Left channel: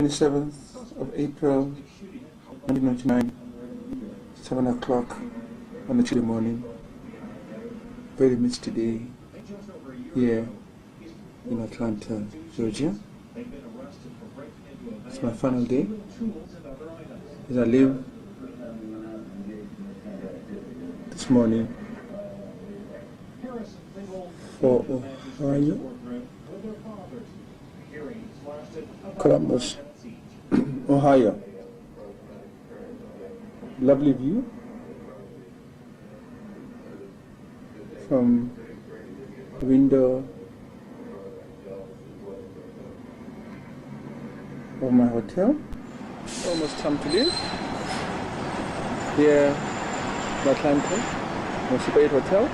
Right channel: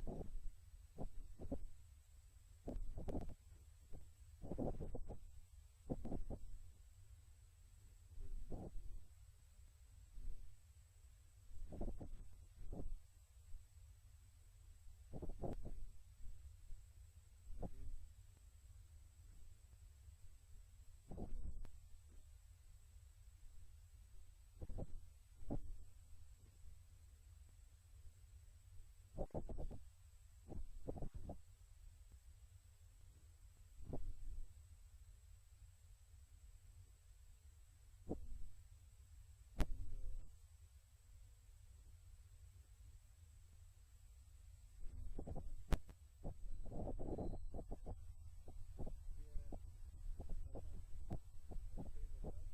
27th of April 1999, 7 o'clock on a Tuesday morning. Very misty day here in Atlanta, Georgia. It's my final day as I leave this morning for Ohio, Columbus, Ohio. Lovely view from the window of my hotel. Almost time to leave. Here, the Atlanta, the Super 8 Hotel.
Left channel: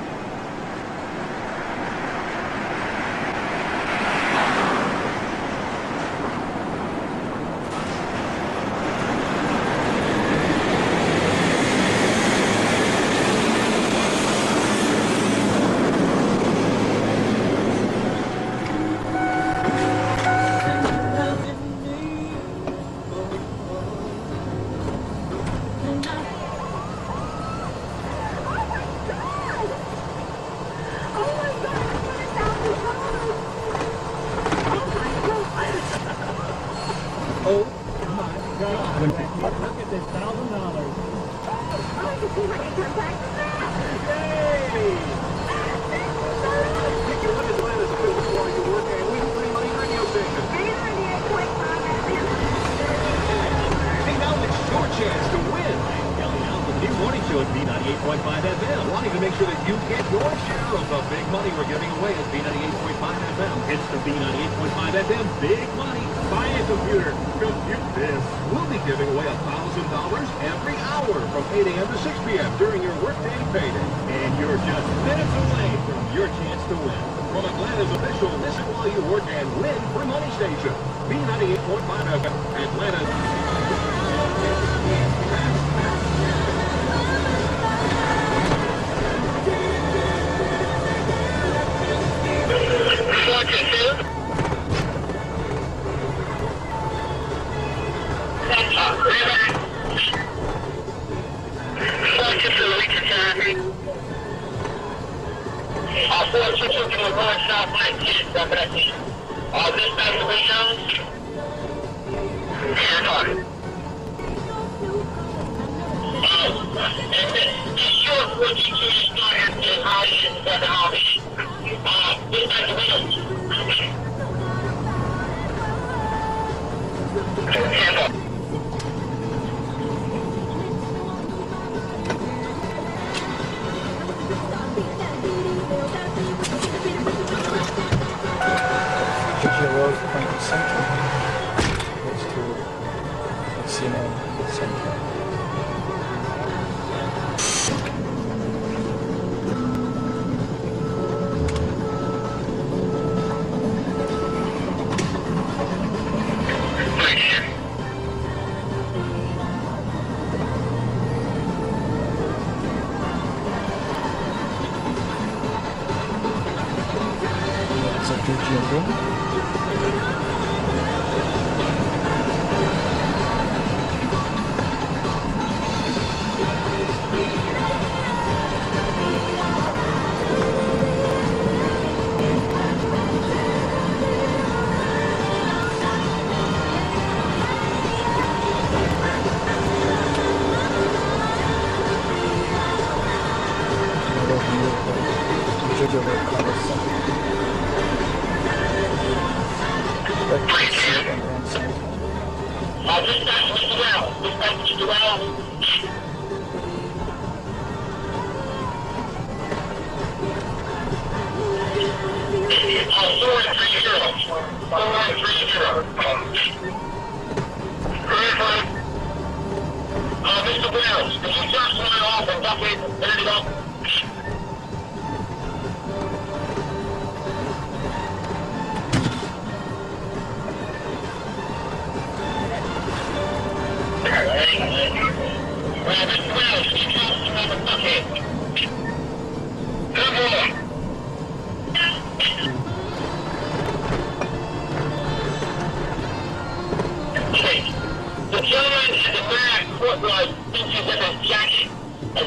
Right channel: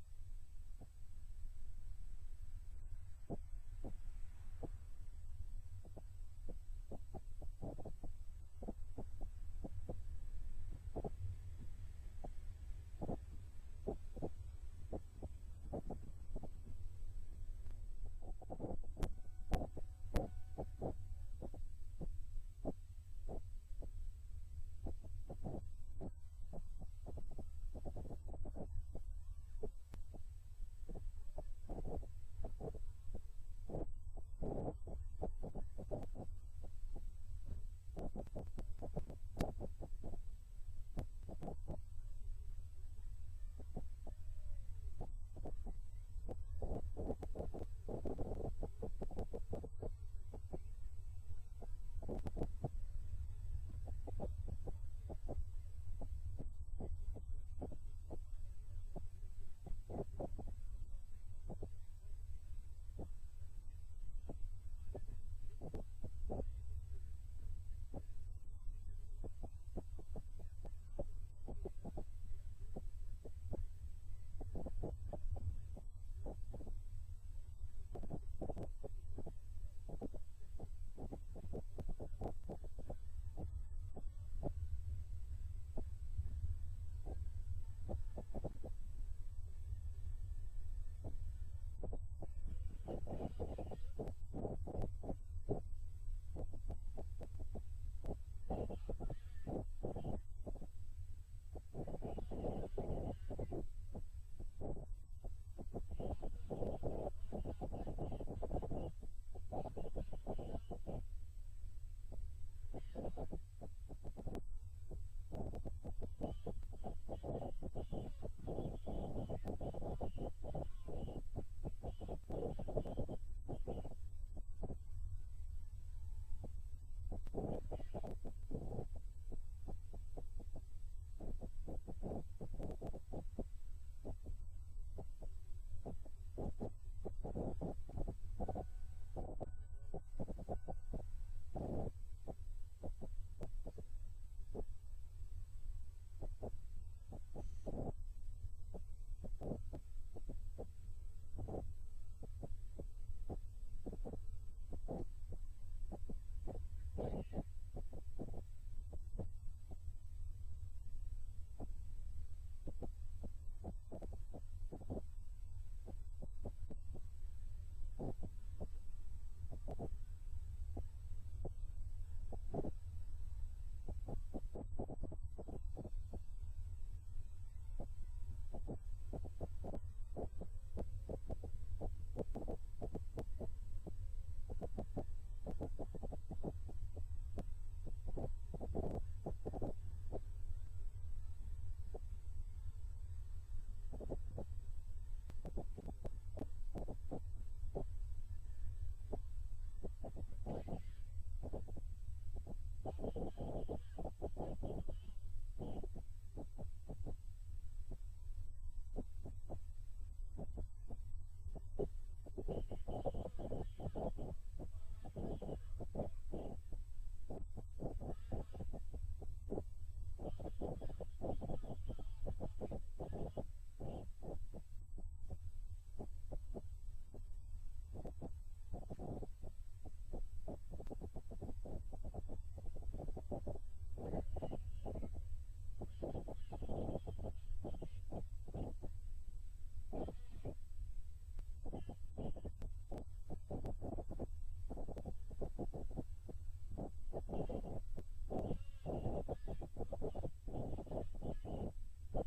look like pictures of a jacket, or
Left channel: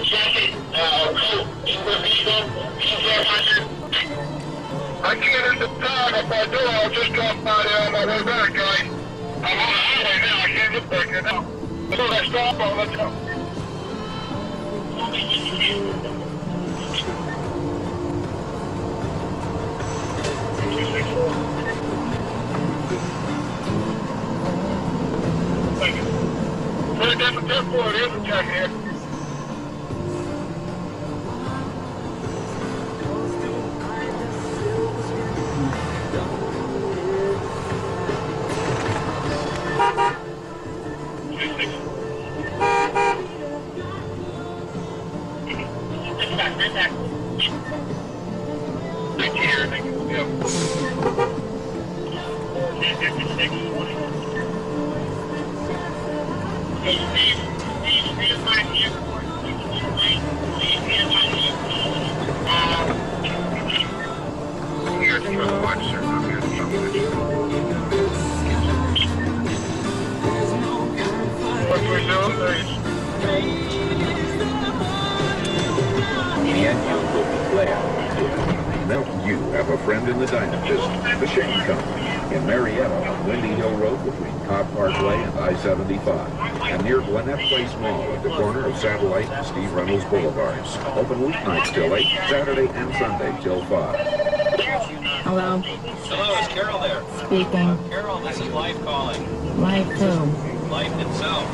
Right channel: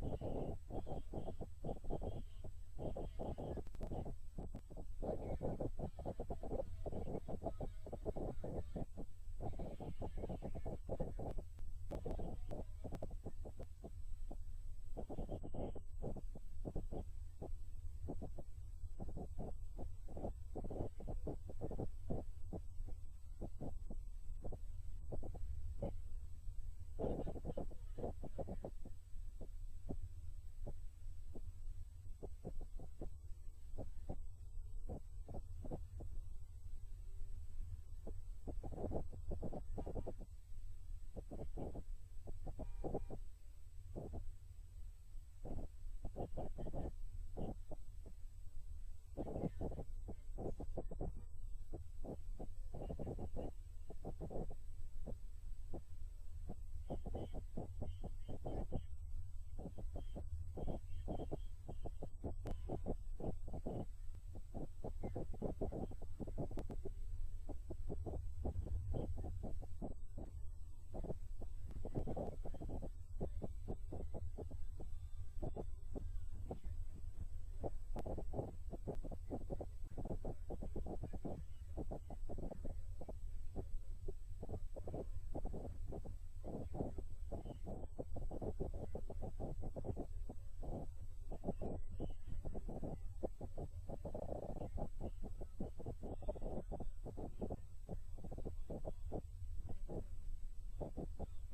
coat, in the vehicle, I can't at the time. If I do, I'll just drop by there on my way back, guys. I'm on the highway now. I can't look back there now. As soon as I stop, I'll let you know. Thank you. Put it down for 10-4. There's a jacket here. In the Dynamist, the Shane Company, in Marietta on Windy Hill Road between Cobb Parkway and I-75, and near Gwinnett Place Mall at the corner of Satellite and Steve Reynolds Boulevards. Open weeknights till 8, Saturday and Sunday till 5. Hello? Hello, is Carol there? Speaking. Carol, this is Life calling. Life who? Life itself.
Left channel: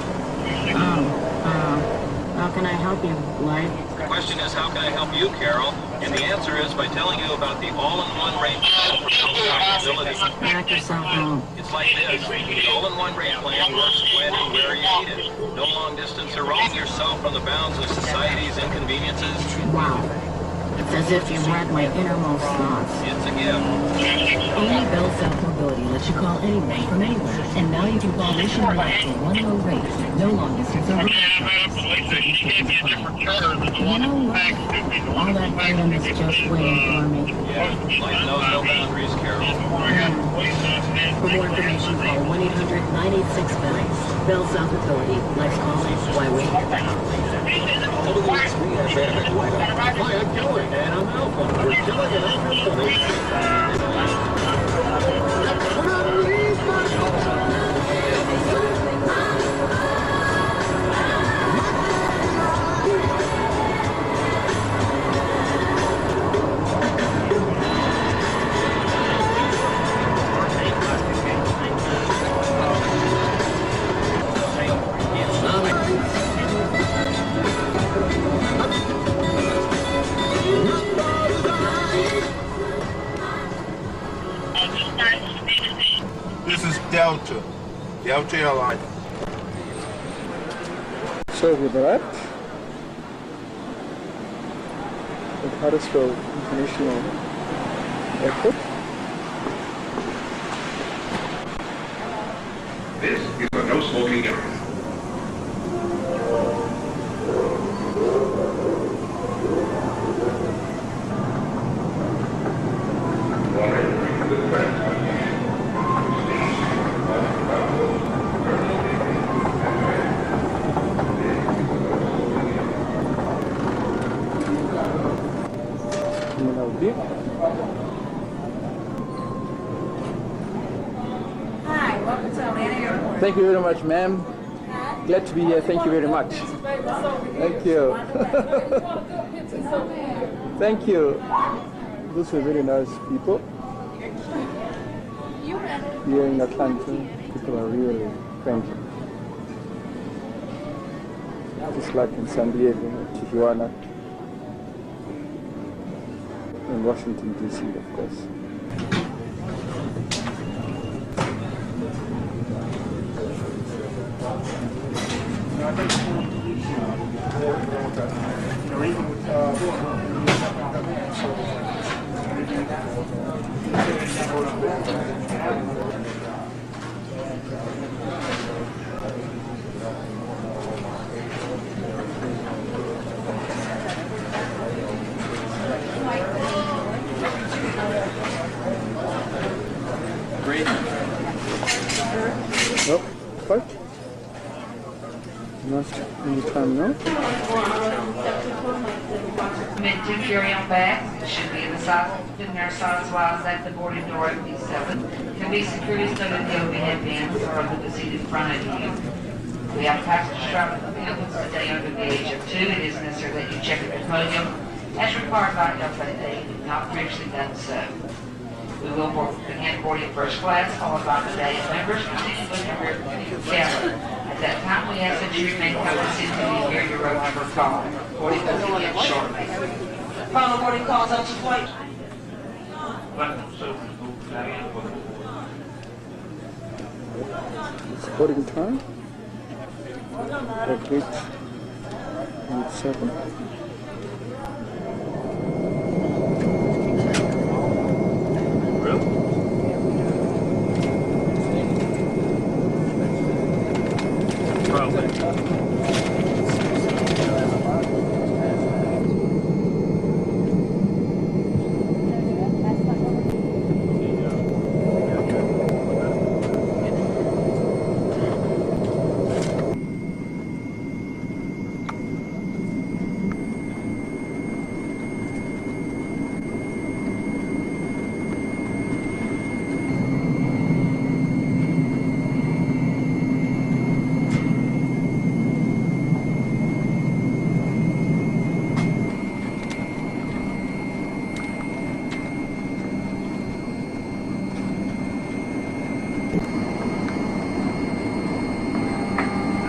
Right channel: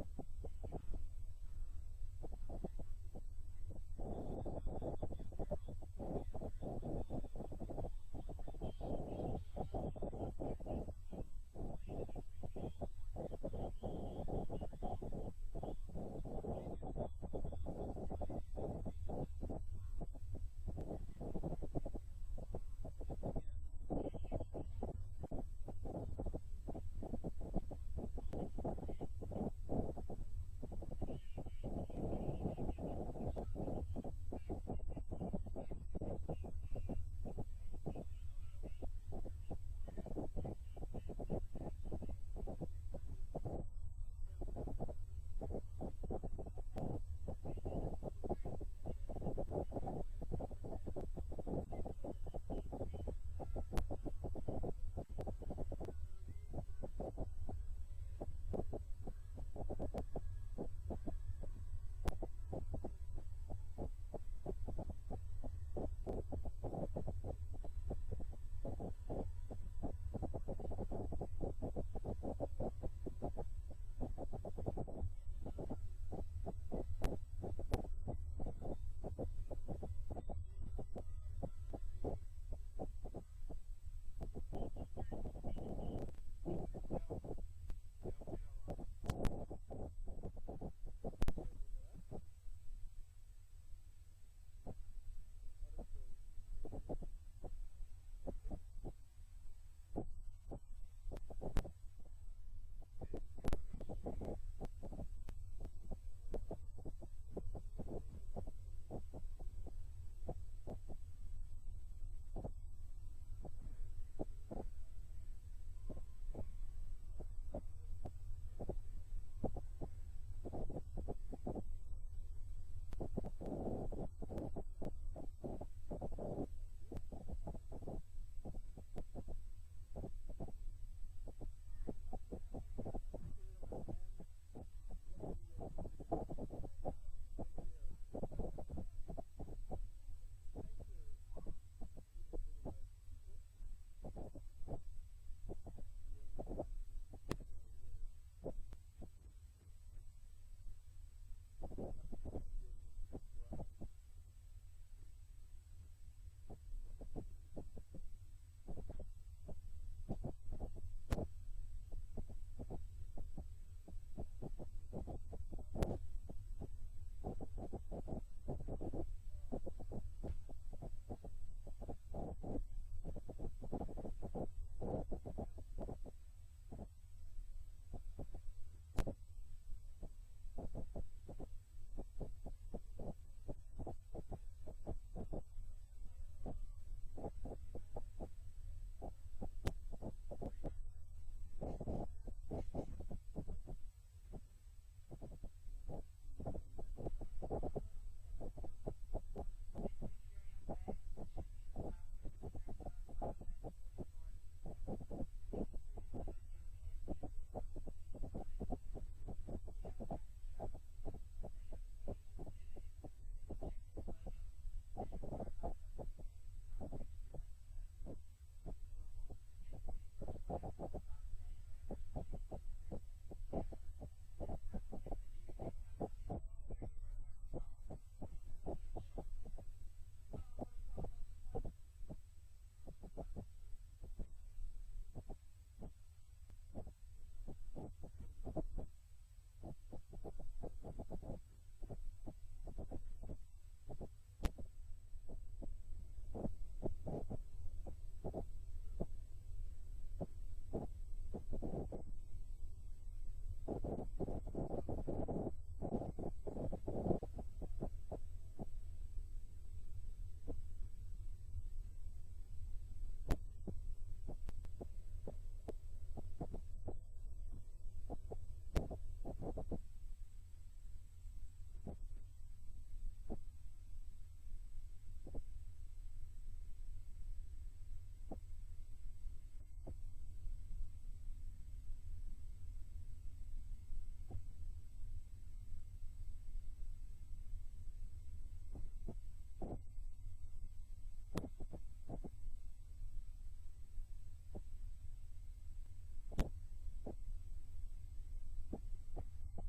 How can I help you, Life? The question is, how can I help you, Carol? And the answer is by telling you about the all-in-one range ability. Back yourself out. It's like this. The all-in-one range plan works when and where you need it. No long-distance or roaming yourself from the bounds of society's inconveniences. Wow. It's as if you read my innermost thoughts. It's a gift. Only Bell South Mobility lets you call anyone from anywhere. And now you can call nationwide for one low rate. No long distance or roaming. You know what? All that freedom is just waiting for me. Yeah, life knows no boundaries, Carol. For more information, call 1-800-986-BELL. Bell South Mobility. Life's calling. Why wait? Hi, I'm Kelly. And I'm Alpha. We're killing it up Delta Airline. So with that, at Hartsfield International Airport. This is a no smoking area. Hi, welcome to Atlanta Airport. Thank you very much, ma'am. Glad to be here. Thank you very much. Thank you. Thank you. Those are very nice people. Here in Atlanta, people are really friendly. Just like in San Diego, Tijuana, and Washington, D.C., of course. Not any time now. Mid-tip carry-on bags should be in the size wise at the boarding door at B7. Can be securely stowed in the overhead bins or under the seat in front of you. We have passengers traveling with vehicles today under the age of 2. It is necessary that you check at the podium as required by AAPA if you've not previously done so. We will begin boarding first class, followed by the day members, continue with your rear cabin. At that time, we ask that you remain cognizant until you hear your row number call. Boarding will begin shortly. Final boarding calls up to flight. It's boarding time. At 8:07.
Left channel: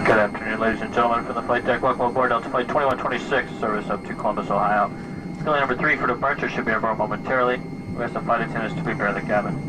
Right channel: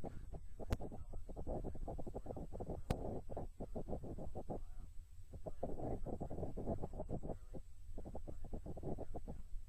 Good afternoon, ladies and gentlemen. From the flight deck, welcome aboard Delta Flight 2126, service up to Columbus, Ohio. Scaling number 3 for departure should be aboard momentarily. We ask the flight attendants to prepare the cabin.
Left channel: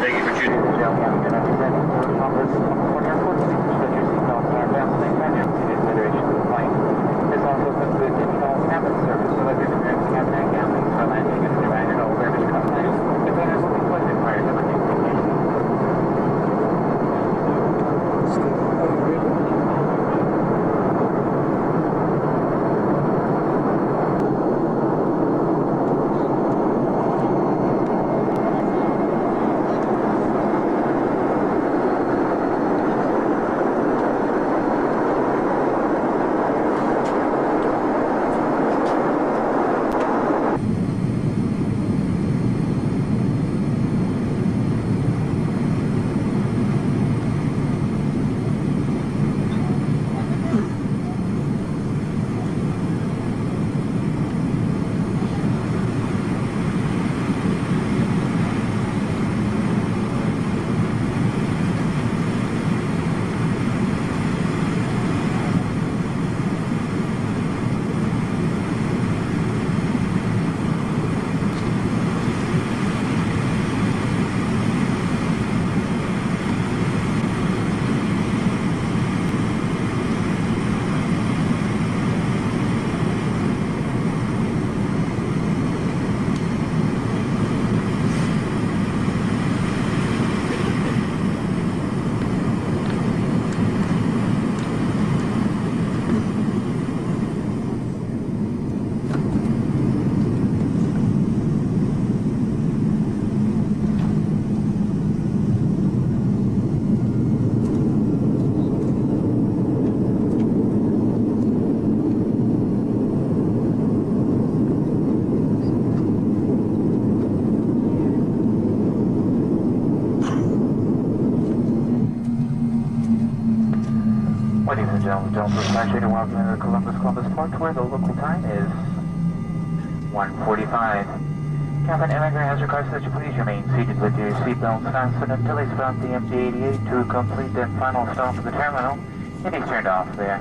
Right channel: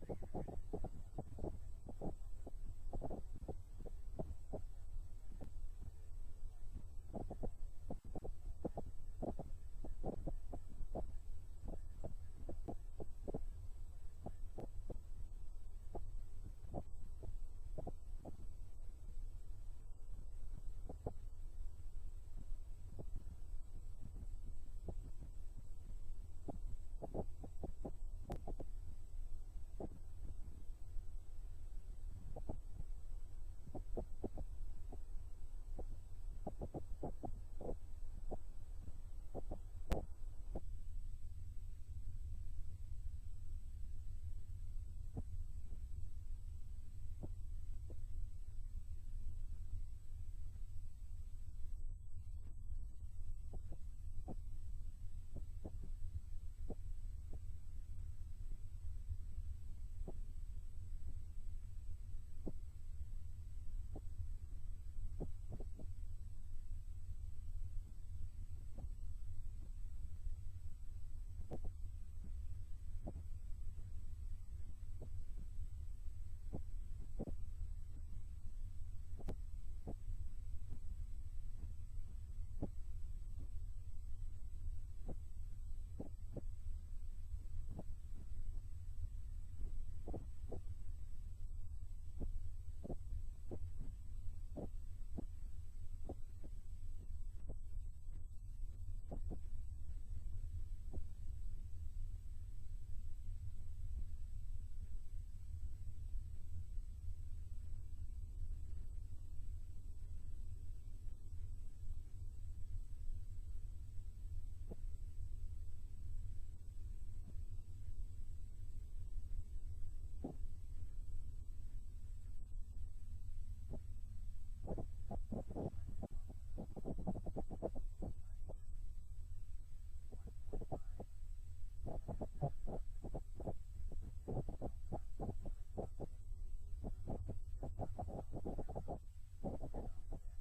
Thank you for choosing. Ladies and gentlemen, welcome to Columbus Port, where the local time is 1:45. Captain Immigrant has requested that you please remain seated with your seatbelts fastened until they stop the MD-88 to complete their final stop at the terminal. It is turned off their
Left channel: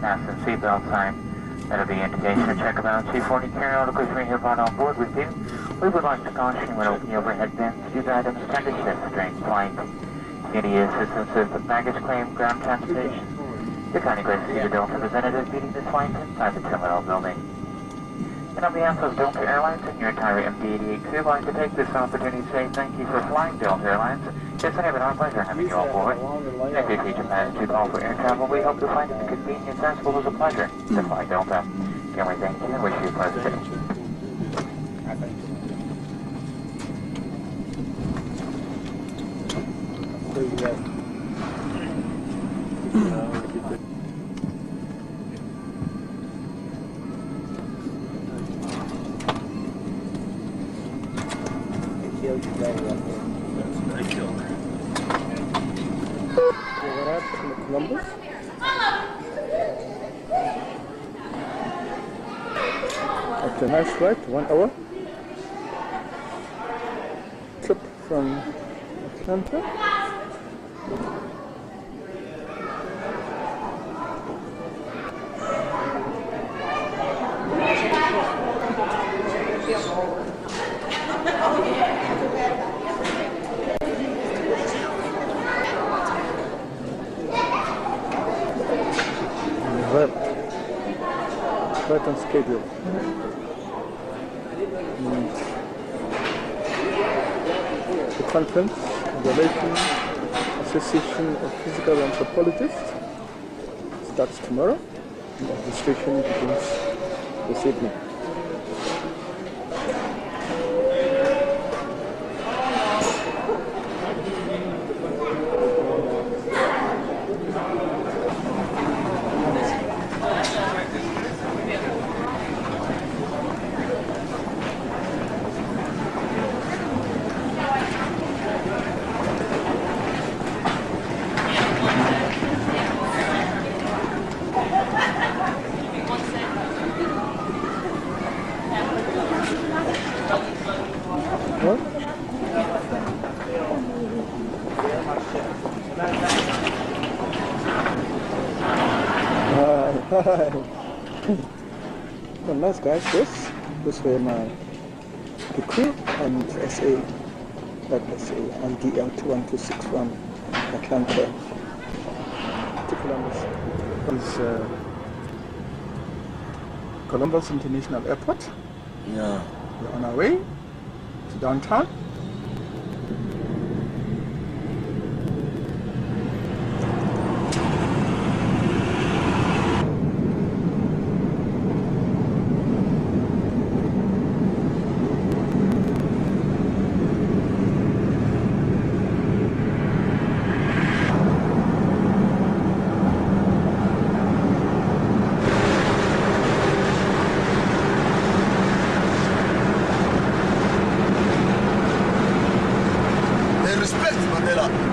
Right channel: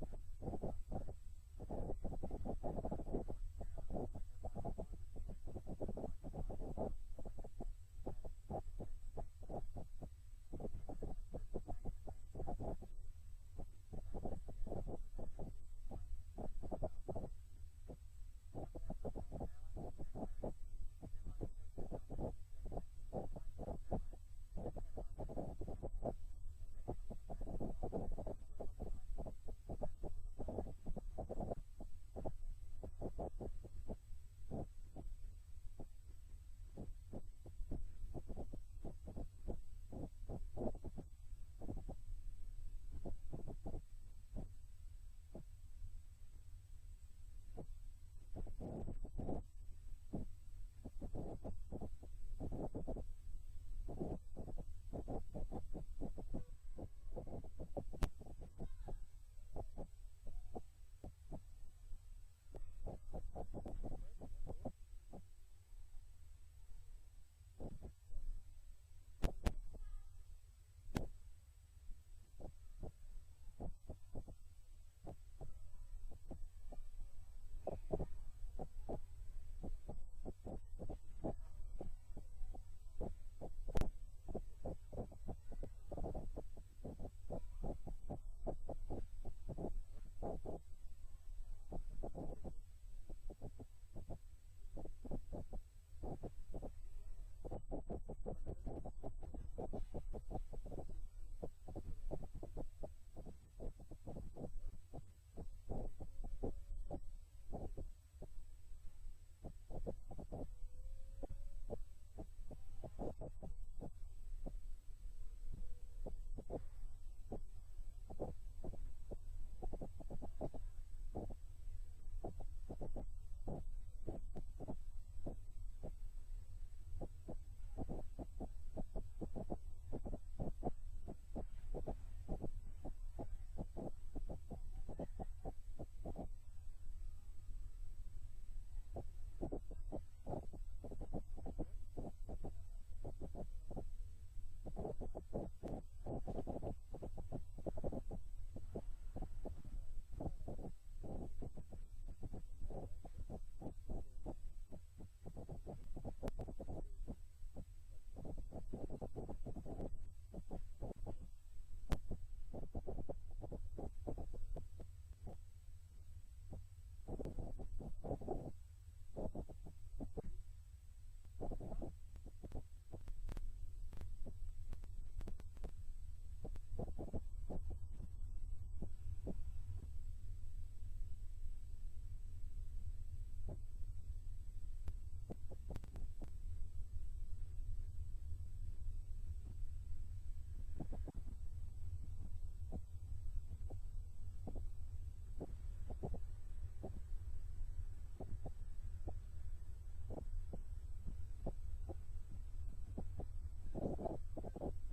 fasten seatbelt sign. That'll be indication of check about Chief 40 carry articles we have brought on board with you. We would like to caution you when opening overhead bins, these items tend to shift during flight. Any assistance with the baggage claim, ground transportation. You're kindly glad to see the Delta representative meeting this flight inside the terminal building. And on behalf of Delta Airlines and your entire MD-88 crew, I'd like to take this opportunity to say thank you for flying Delta Airlines. It's been our pleasure having you on board. And if you future plans to call for air travel, we hope to find it a convenience as well as a pleasure to fly Delta. Can we thank you and wish you a pleasant day. Columbus. After a nice flight, 1 hour trip from Atlanta. Right on schedule. And the conference, the Laitman Association of Physical Anthropologists, starts tomorrow. And registration begins this evening. Well, nice guys, this were the crew and SA and DL21261 Atlanta to Columbus. This is Columbus International Airport. Yeah. We're on our way to downtown.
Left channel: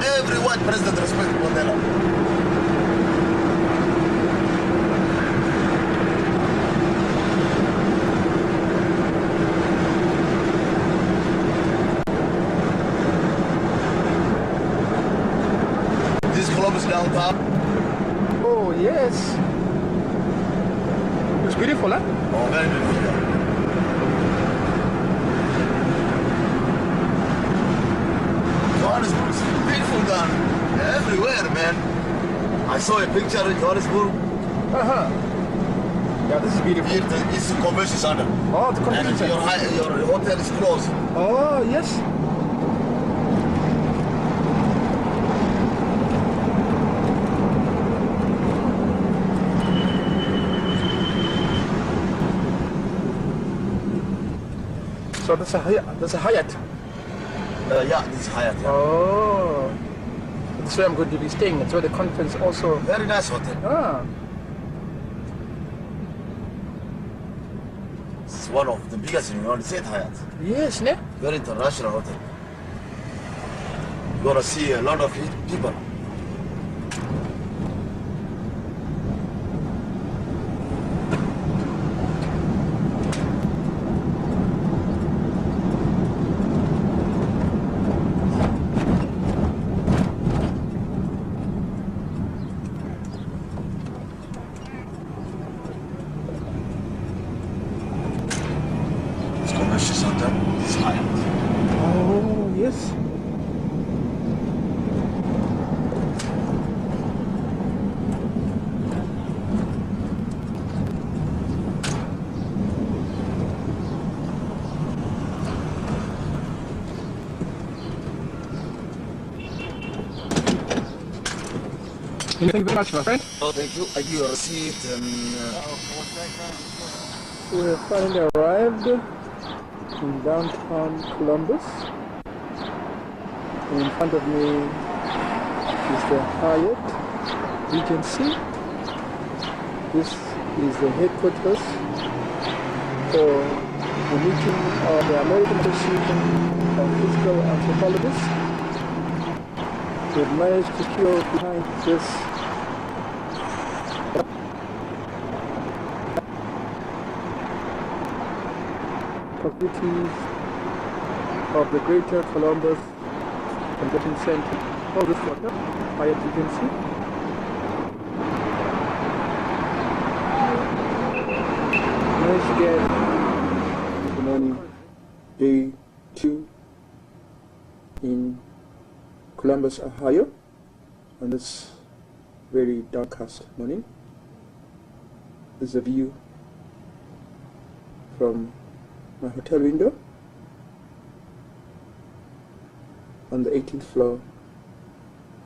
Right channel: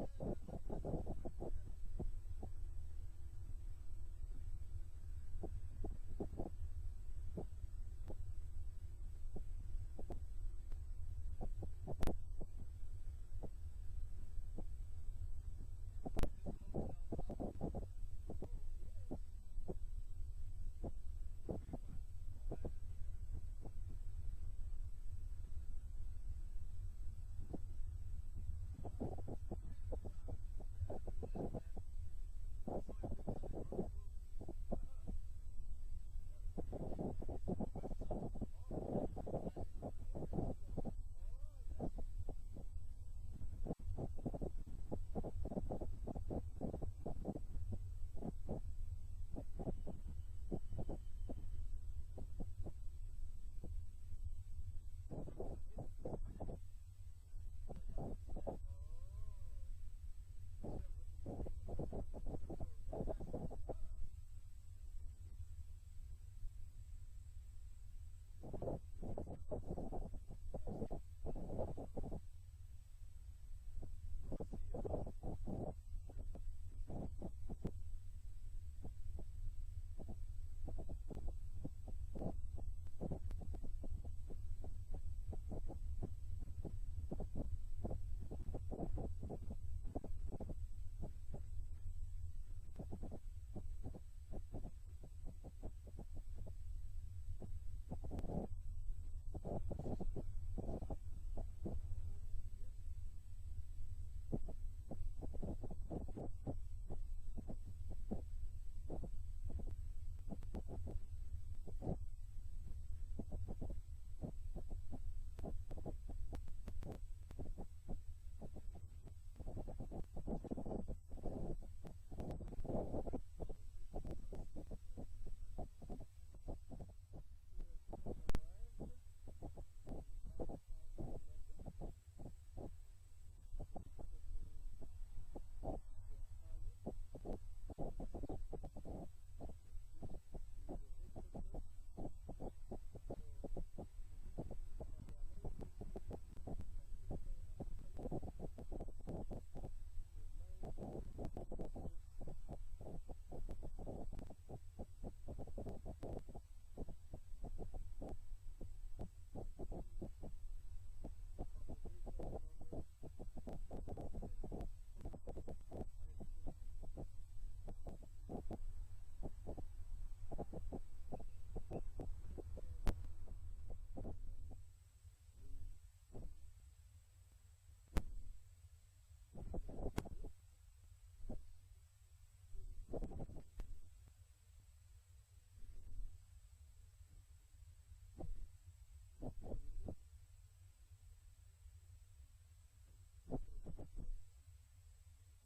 Every white president respects Mandela. This is Columbus downtown. Oh yes. It's beautiful, huh? Oh, very beautiful. Johannesburg is beautiful down everywhere, man. I saw a picture in Johannesburg. Yeah, this is beautiful. Here, it's the convention center. Oh, the convention and center. Your hotel is closed. Oh, yes. So that's a Hyatt. Yeah, this is Hyatt. Yeah. Oh, that's where I'm going to be staying. That's where the conference also. Very nice hotel. Ah, It's one of the biggest in the United States, Hyatt. yes, ne? Very international hotel. You're gonna see a lot of people. Thank you very much, my friend. Oh, thank you. I give you a receipt and... We have finally arrived in downtown Columbus. And in front of me is the Hyatt, Regency. This is the headquarters for the meeting of the American Association of Physical Anthropologists. We've managed to secure behind this facilities of the Greater Columbus Convention Center. Oh, this one, Hyatt Regency. Managed to get the morning, day 2 in Columbus, Ohio, on this very darkest morning. This is a view from my hotel window on the 18th floor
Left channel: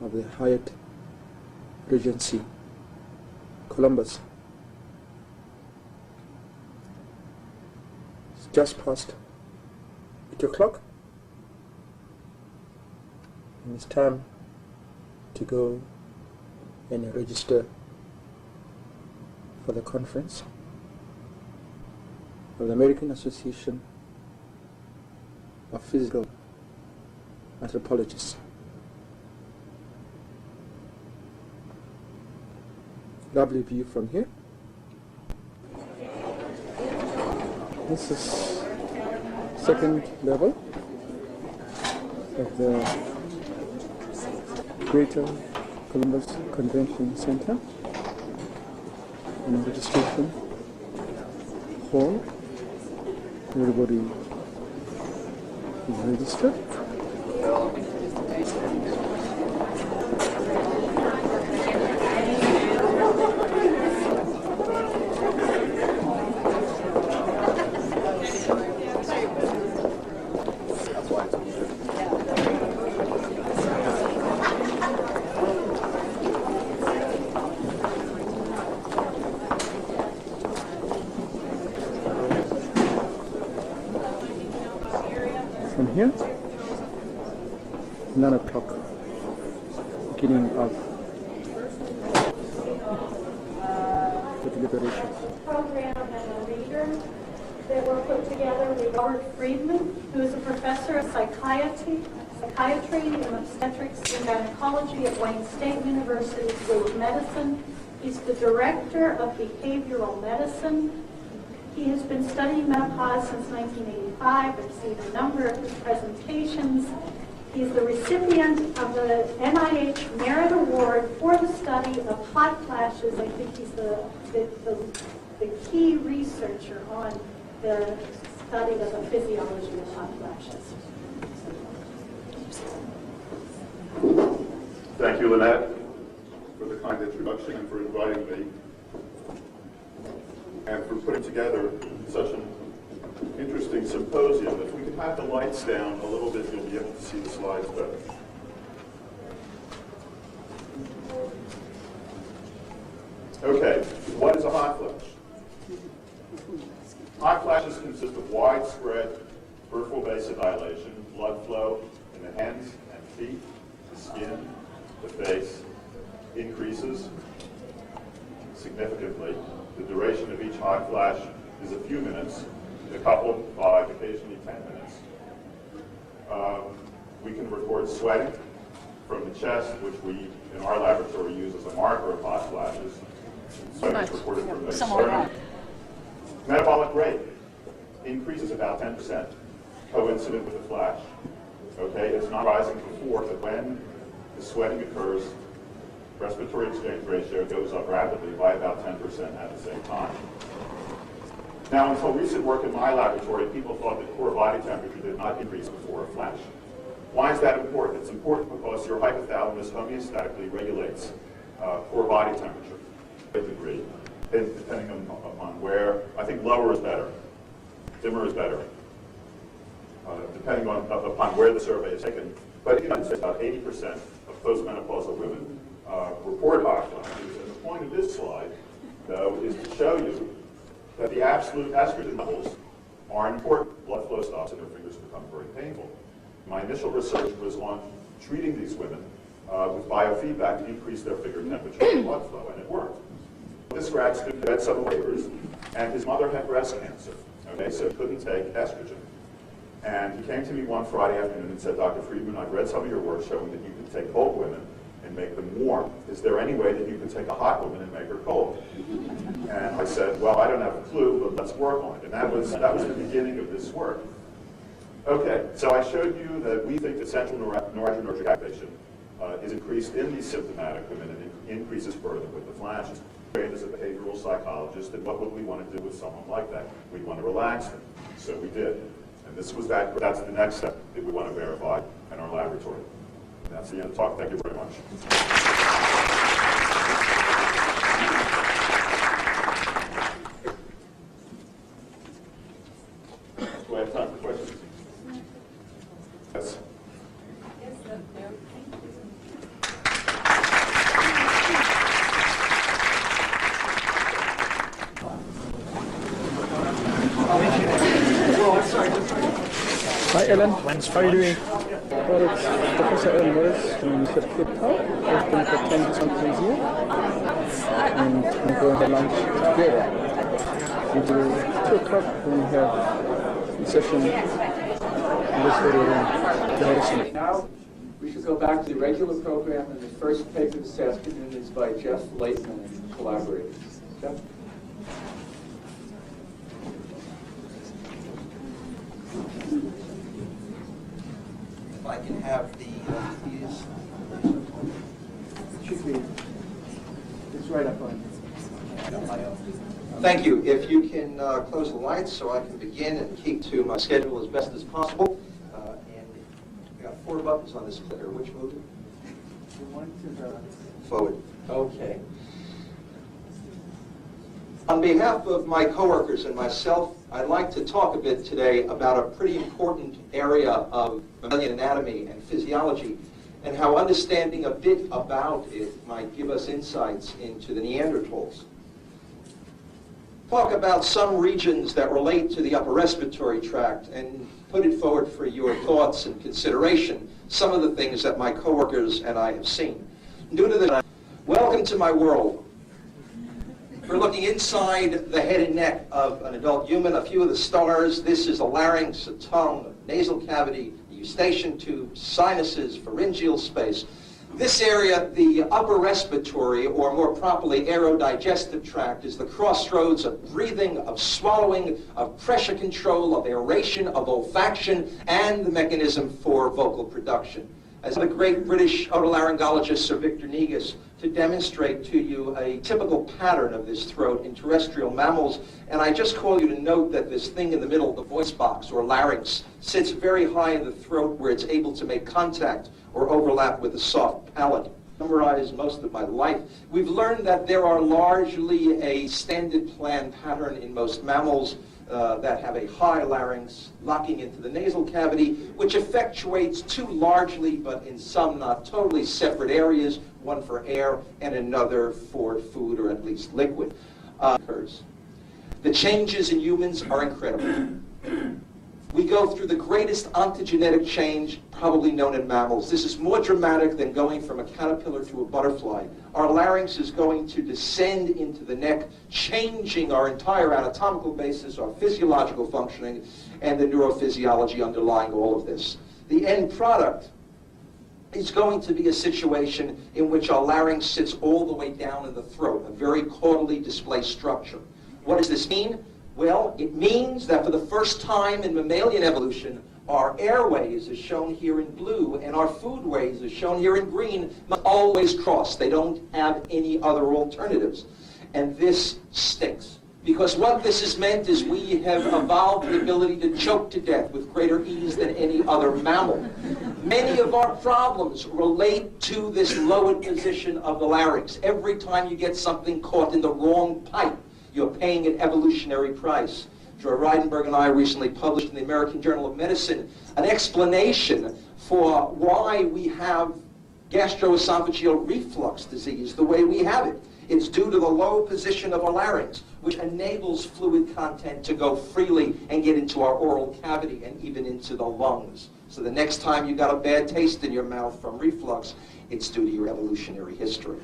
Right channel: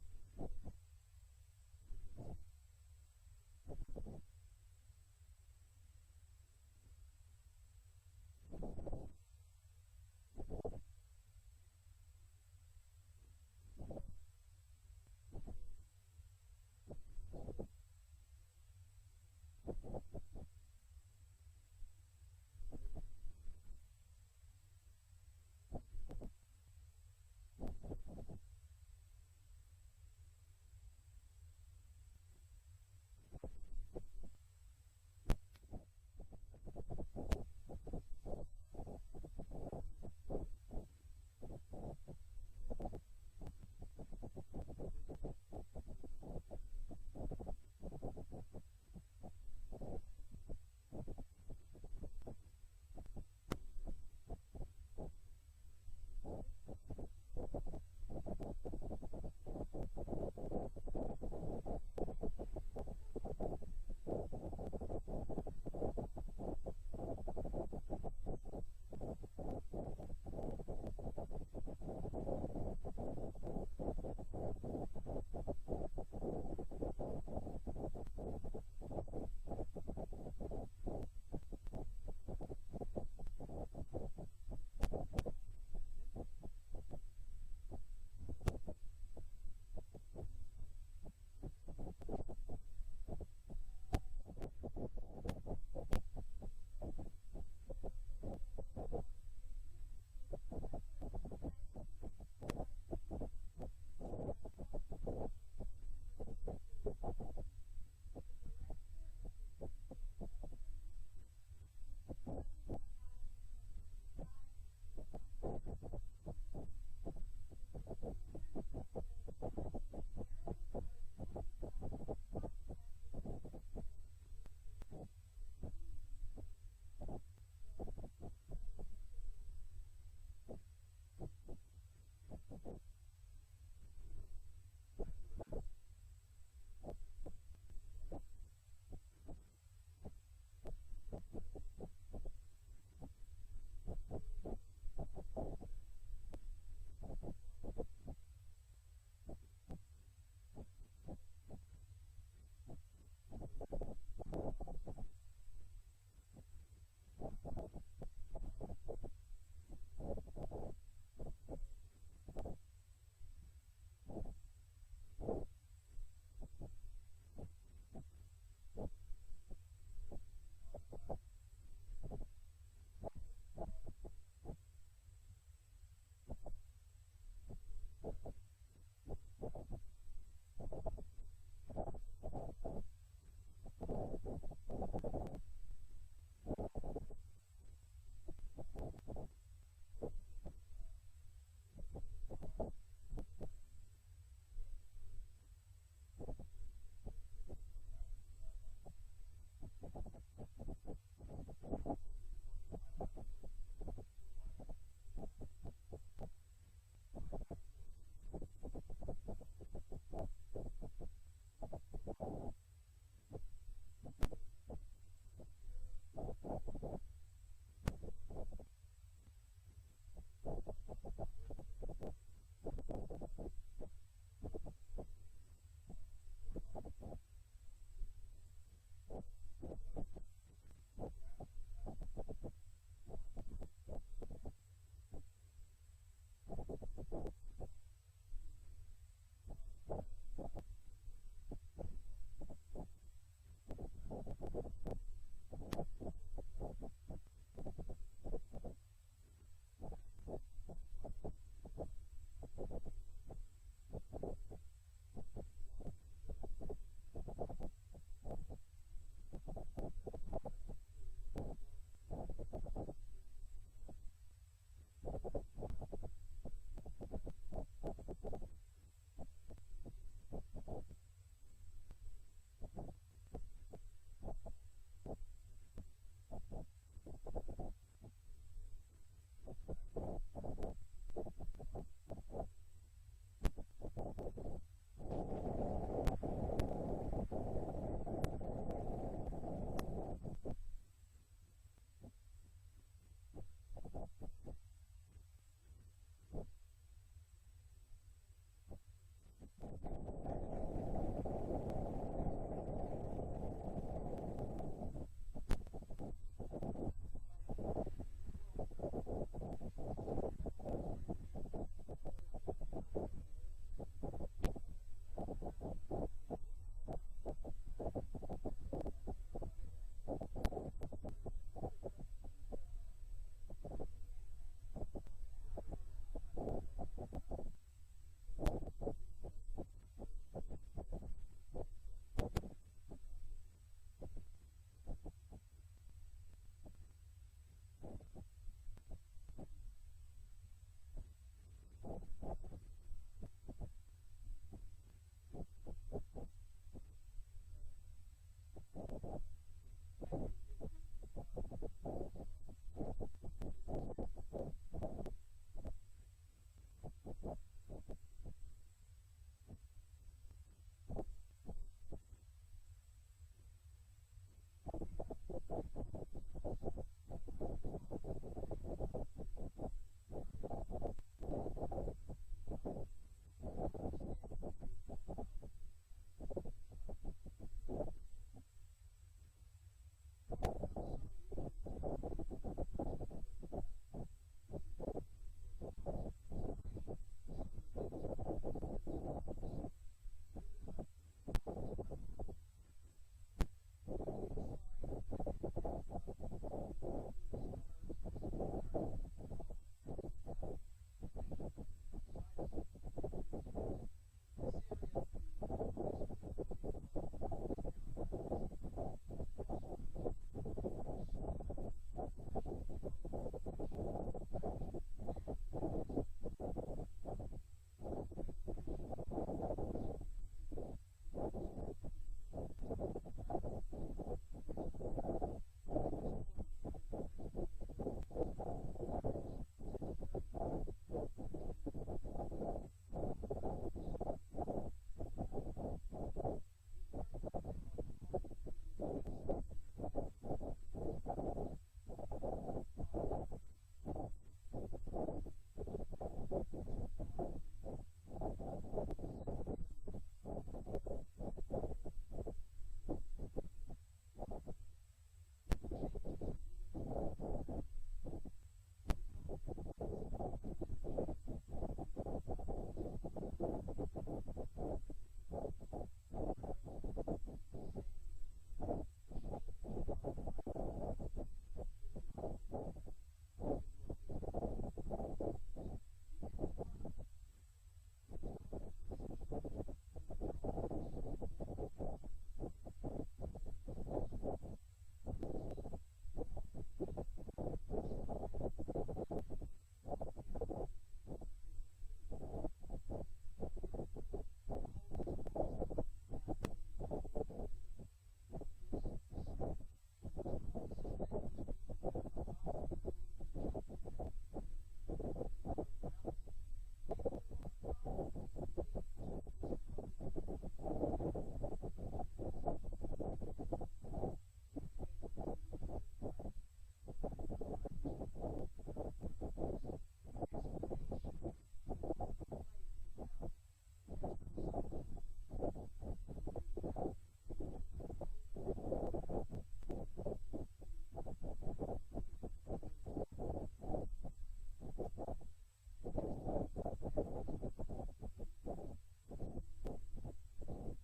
of the Hyatt Regency, Columbus. It's just past 8 o'clock. And it's time to go and register for the conference of the American Association of Physical Anthropologists. Lovely view from here. This is second level of the Greater Columbus Convention Center and registration hall. Everybody is registered. From here, 9 o'clock, beginning of the deliberation. Program and a reader that were put together with Howard Friedman, who is a professor of psychiatry and obstetrics and gynecology at Wayne State University School of Medicine. He's the director of behavioral medicine. He has been studying menopause since 1985, received a number of his presentations. He's the recipient of the NIH Merit Award for the study of hot flashes. I think he's the key researcher on the study of the physiology of hot flashes. Thank you, Lynette, for the kind introduction and for inviting me, and for putting together such an interesting symposium. If we could have the lights down a little bit, you'll be able to see the slides better. Okay, what is a hot flash? Hot flashes consist of widespread peripheral vasodilation, blood flow in the hands and feet, the skin, the face, increases significantly. The duration of each hot flash is a few minutes, a couple, 5, occasionally 10 minutes. We can record sweating from the chest, which we, in our laboratory, use as a marker of hot flashes. Sweating is recorded from the sternum. Metabolic rate increases about 10%, coincident with the flash. Okay, it's not rising before, but when the sweating occurs, respiratory exchange ratio goes up rapidly by about 10% at the same time. Now, until recent work in my laboratory, people thought that core body temperature did not increase before a flash. Why is that important? It's important because your hypothalamus homeostatically regulates core body temperature to a degree, depending upon where. I think lower is better, dimmer is better, depending upon where the survey is taken. But in the United States, about 80% of postmenopausal women report hot flashes. And the point of this slide, though, is to show you that the absolute estrogen levels are important. Blood flow stops and their fingers become very painful. My initial research was on treating these women with biofeedback to increase their finger temperature and blood flow, and it worked. This rat had some labors, and his mother had breast cancer, okay, so he couldn't take estrogen. And he came to me one Friday afternoon and said, Dr. Friedman, I've read some of your work showing that you can take cold women and make them warm. Is there any way that you can take a hot woman and make her cold? And I said, well, I don't have a clue, but let's work on it. And that was the beginning of this work. Okay, so I showed you that we think that central noradrenergic activation is increased in these symptomatic women and increases further with the flashes. Trained as a behavioral psychologist, and what would we want to do with someone like that? We'd want to relax them. So we did. And this was that's the next step that we want to verify in our laboratory. And that's the end of the talk. Thank you very much. Do I have time for questions? Yes. Hi Ellen, how are you doing? Well, it's Professor Ellen Morris from the University of Cape Town. I've been for 10 countries here. And we're going to have lunch together. Until 2 o'clock when we have a session in this area around the Harrison. Now we should go back to the regular program, and the first paper this afternoon is by Jeff Laitman and collaborators. Jeff? If I can have the keys. Should be. It's right up on. Thank you. If you can close the lights so I can begin and keep to my schedule as best as possible. And we got 4 buttons on this clicker. Which move? The one to the Forward. Okay. On behalf of my coworkers and myself, I'd like to talk a bit today about a pretty important area of mammalian anatomy and physiology, and how understanding a bit about it might give us insights into the Neanderthals. Talk about some regions that relate to the upper respiratory tract and put it forward for your thoughts and consideration, some of the things that my coworkers and I have seen. Due to the welcome to my world. We're looking inside the head and neck of an adult human. A few of the stars. This is a larynx, a tongue, a nasal cavity, a eustachian tube, sinuses, pharyngeal space. This area, the upper respiratory, or more properly aerodigestive tract, is the crossroads of breathing, of swallowing, of pressure control, of aeration, of olfaction, and the mechanism for vocal production. As the great British otolaryngologist Sir Victor Negus to demonstrate to you a typical pattern of this throat in terrestrial mammals, and I just call you to note that this thing in the middle, the voice box or larynx, sits very high in the throat where it's able to make contact or overlap with the soft palate. Memorize most of my life. We've learned that there are largely a standard plan pattern in most mammals that have a high larynx locking into the nasal cavity, which effectuates 2 largely, but in some not totally separate areas, one for air and another for food or at least liquid. Occurs. The changes in humans are incredible. We go through the greatest ontogenetic change probably known in mammals. This is more dramatic than going from a caterpillar to a butterfly. Our larynx is going to descend into the neck, changing our entire anatomical basis, our physiological functioning, and the neurophysiology underlying all of this. The end product is going to be a situation in which our larynx sits all the way down in the throat, a very caudally displaced structure. What does this mean? Well, it means that for the first time in mammalian evolution, our airways, as shown here in blue, and our foodways, as shown here in green, must always cross. They don't have any other alternatives. And this stinks. Because what this has meant is we have evolved the ability to choke to death with greater ease than any other mammal. Many of our problems relate to this lowered position of the larynx. Every time you get something caught in the wrong pipe, you're paying an evolutionary price. Joy Reidenberg and I recently published in the American Journal of Medicine an explanation for why we have gastroesophageal reflux disease the way we have it. It's due to the low position of our larynx, which enables fluid content to go freely and get into our oral cavity and even into the lungs. So the next time you got a bad taste in your mouth from reflux, it's due to your evolutionary history.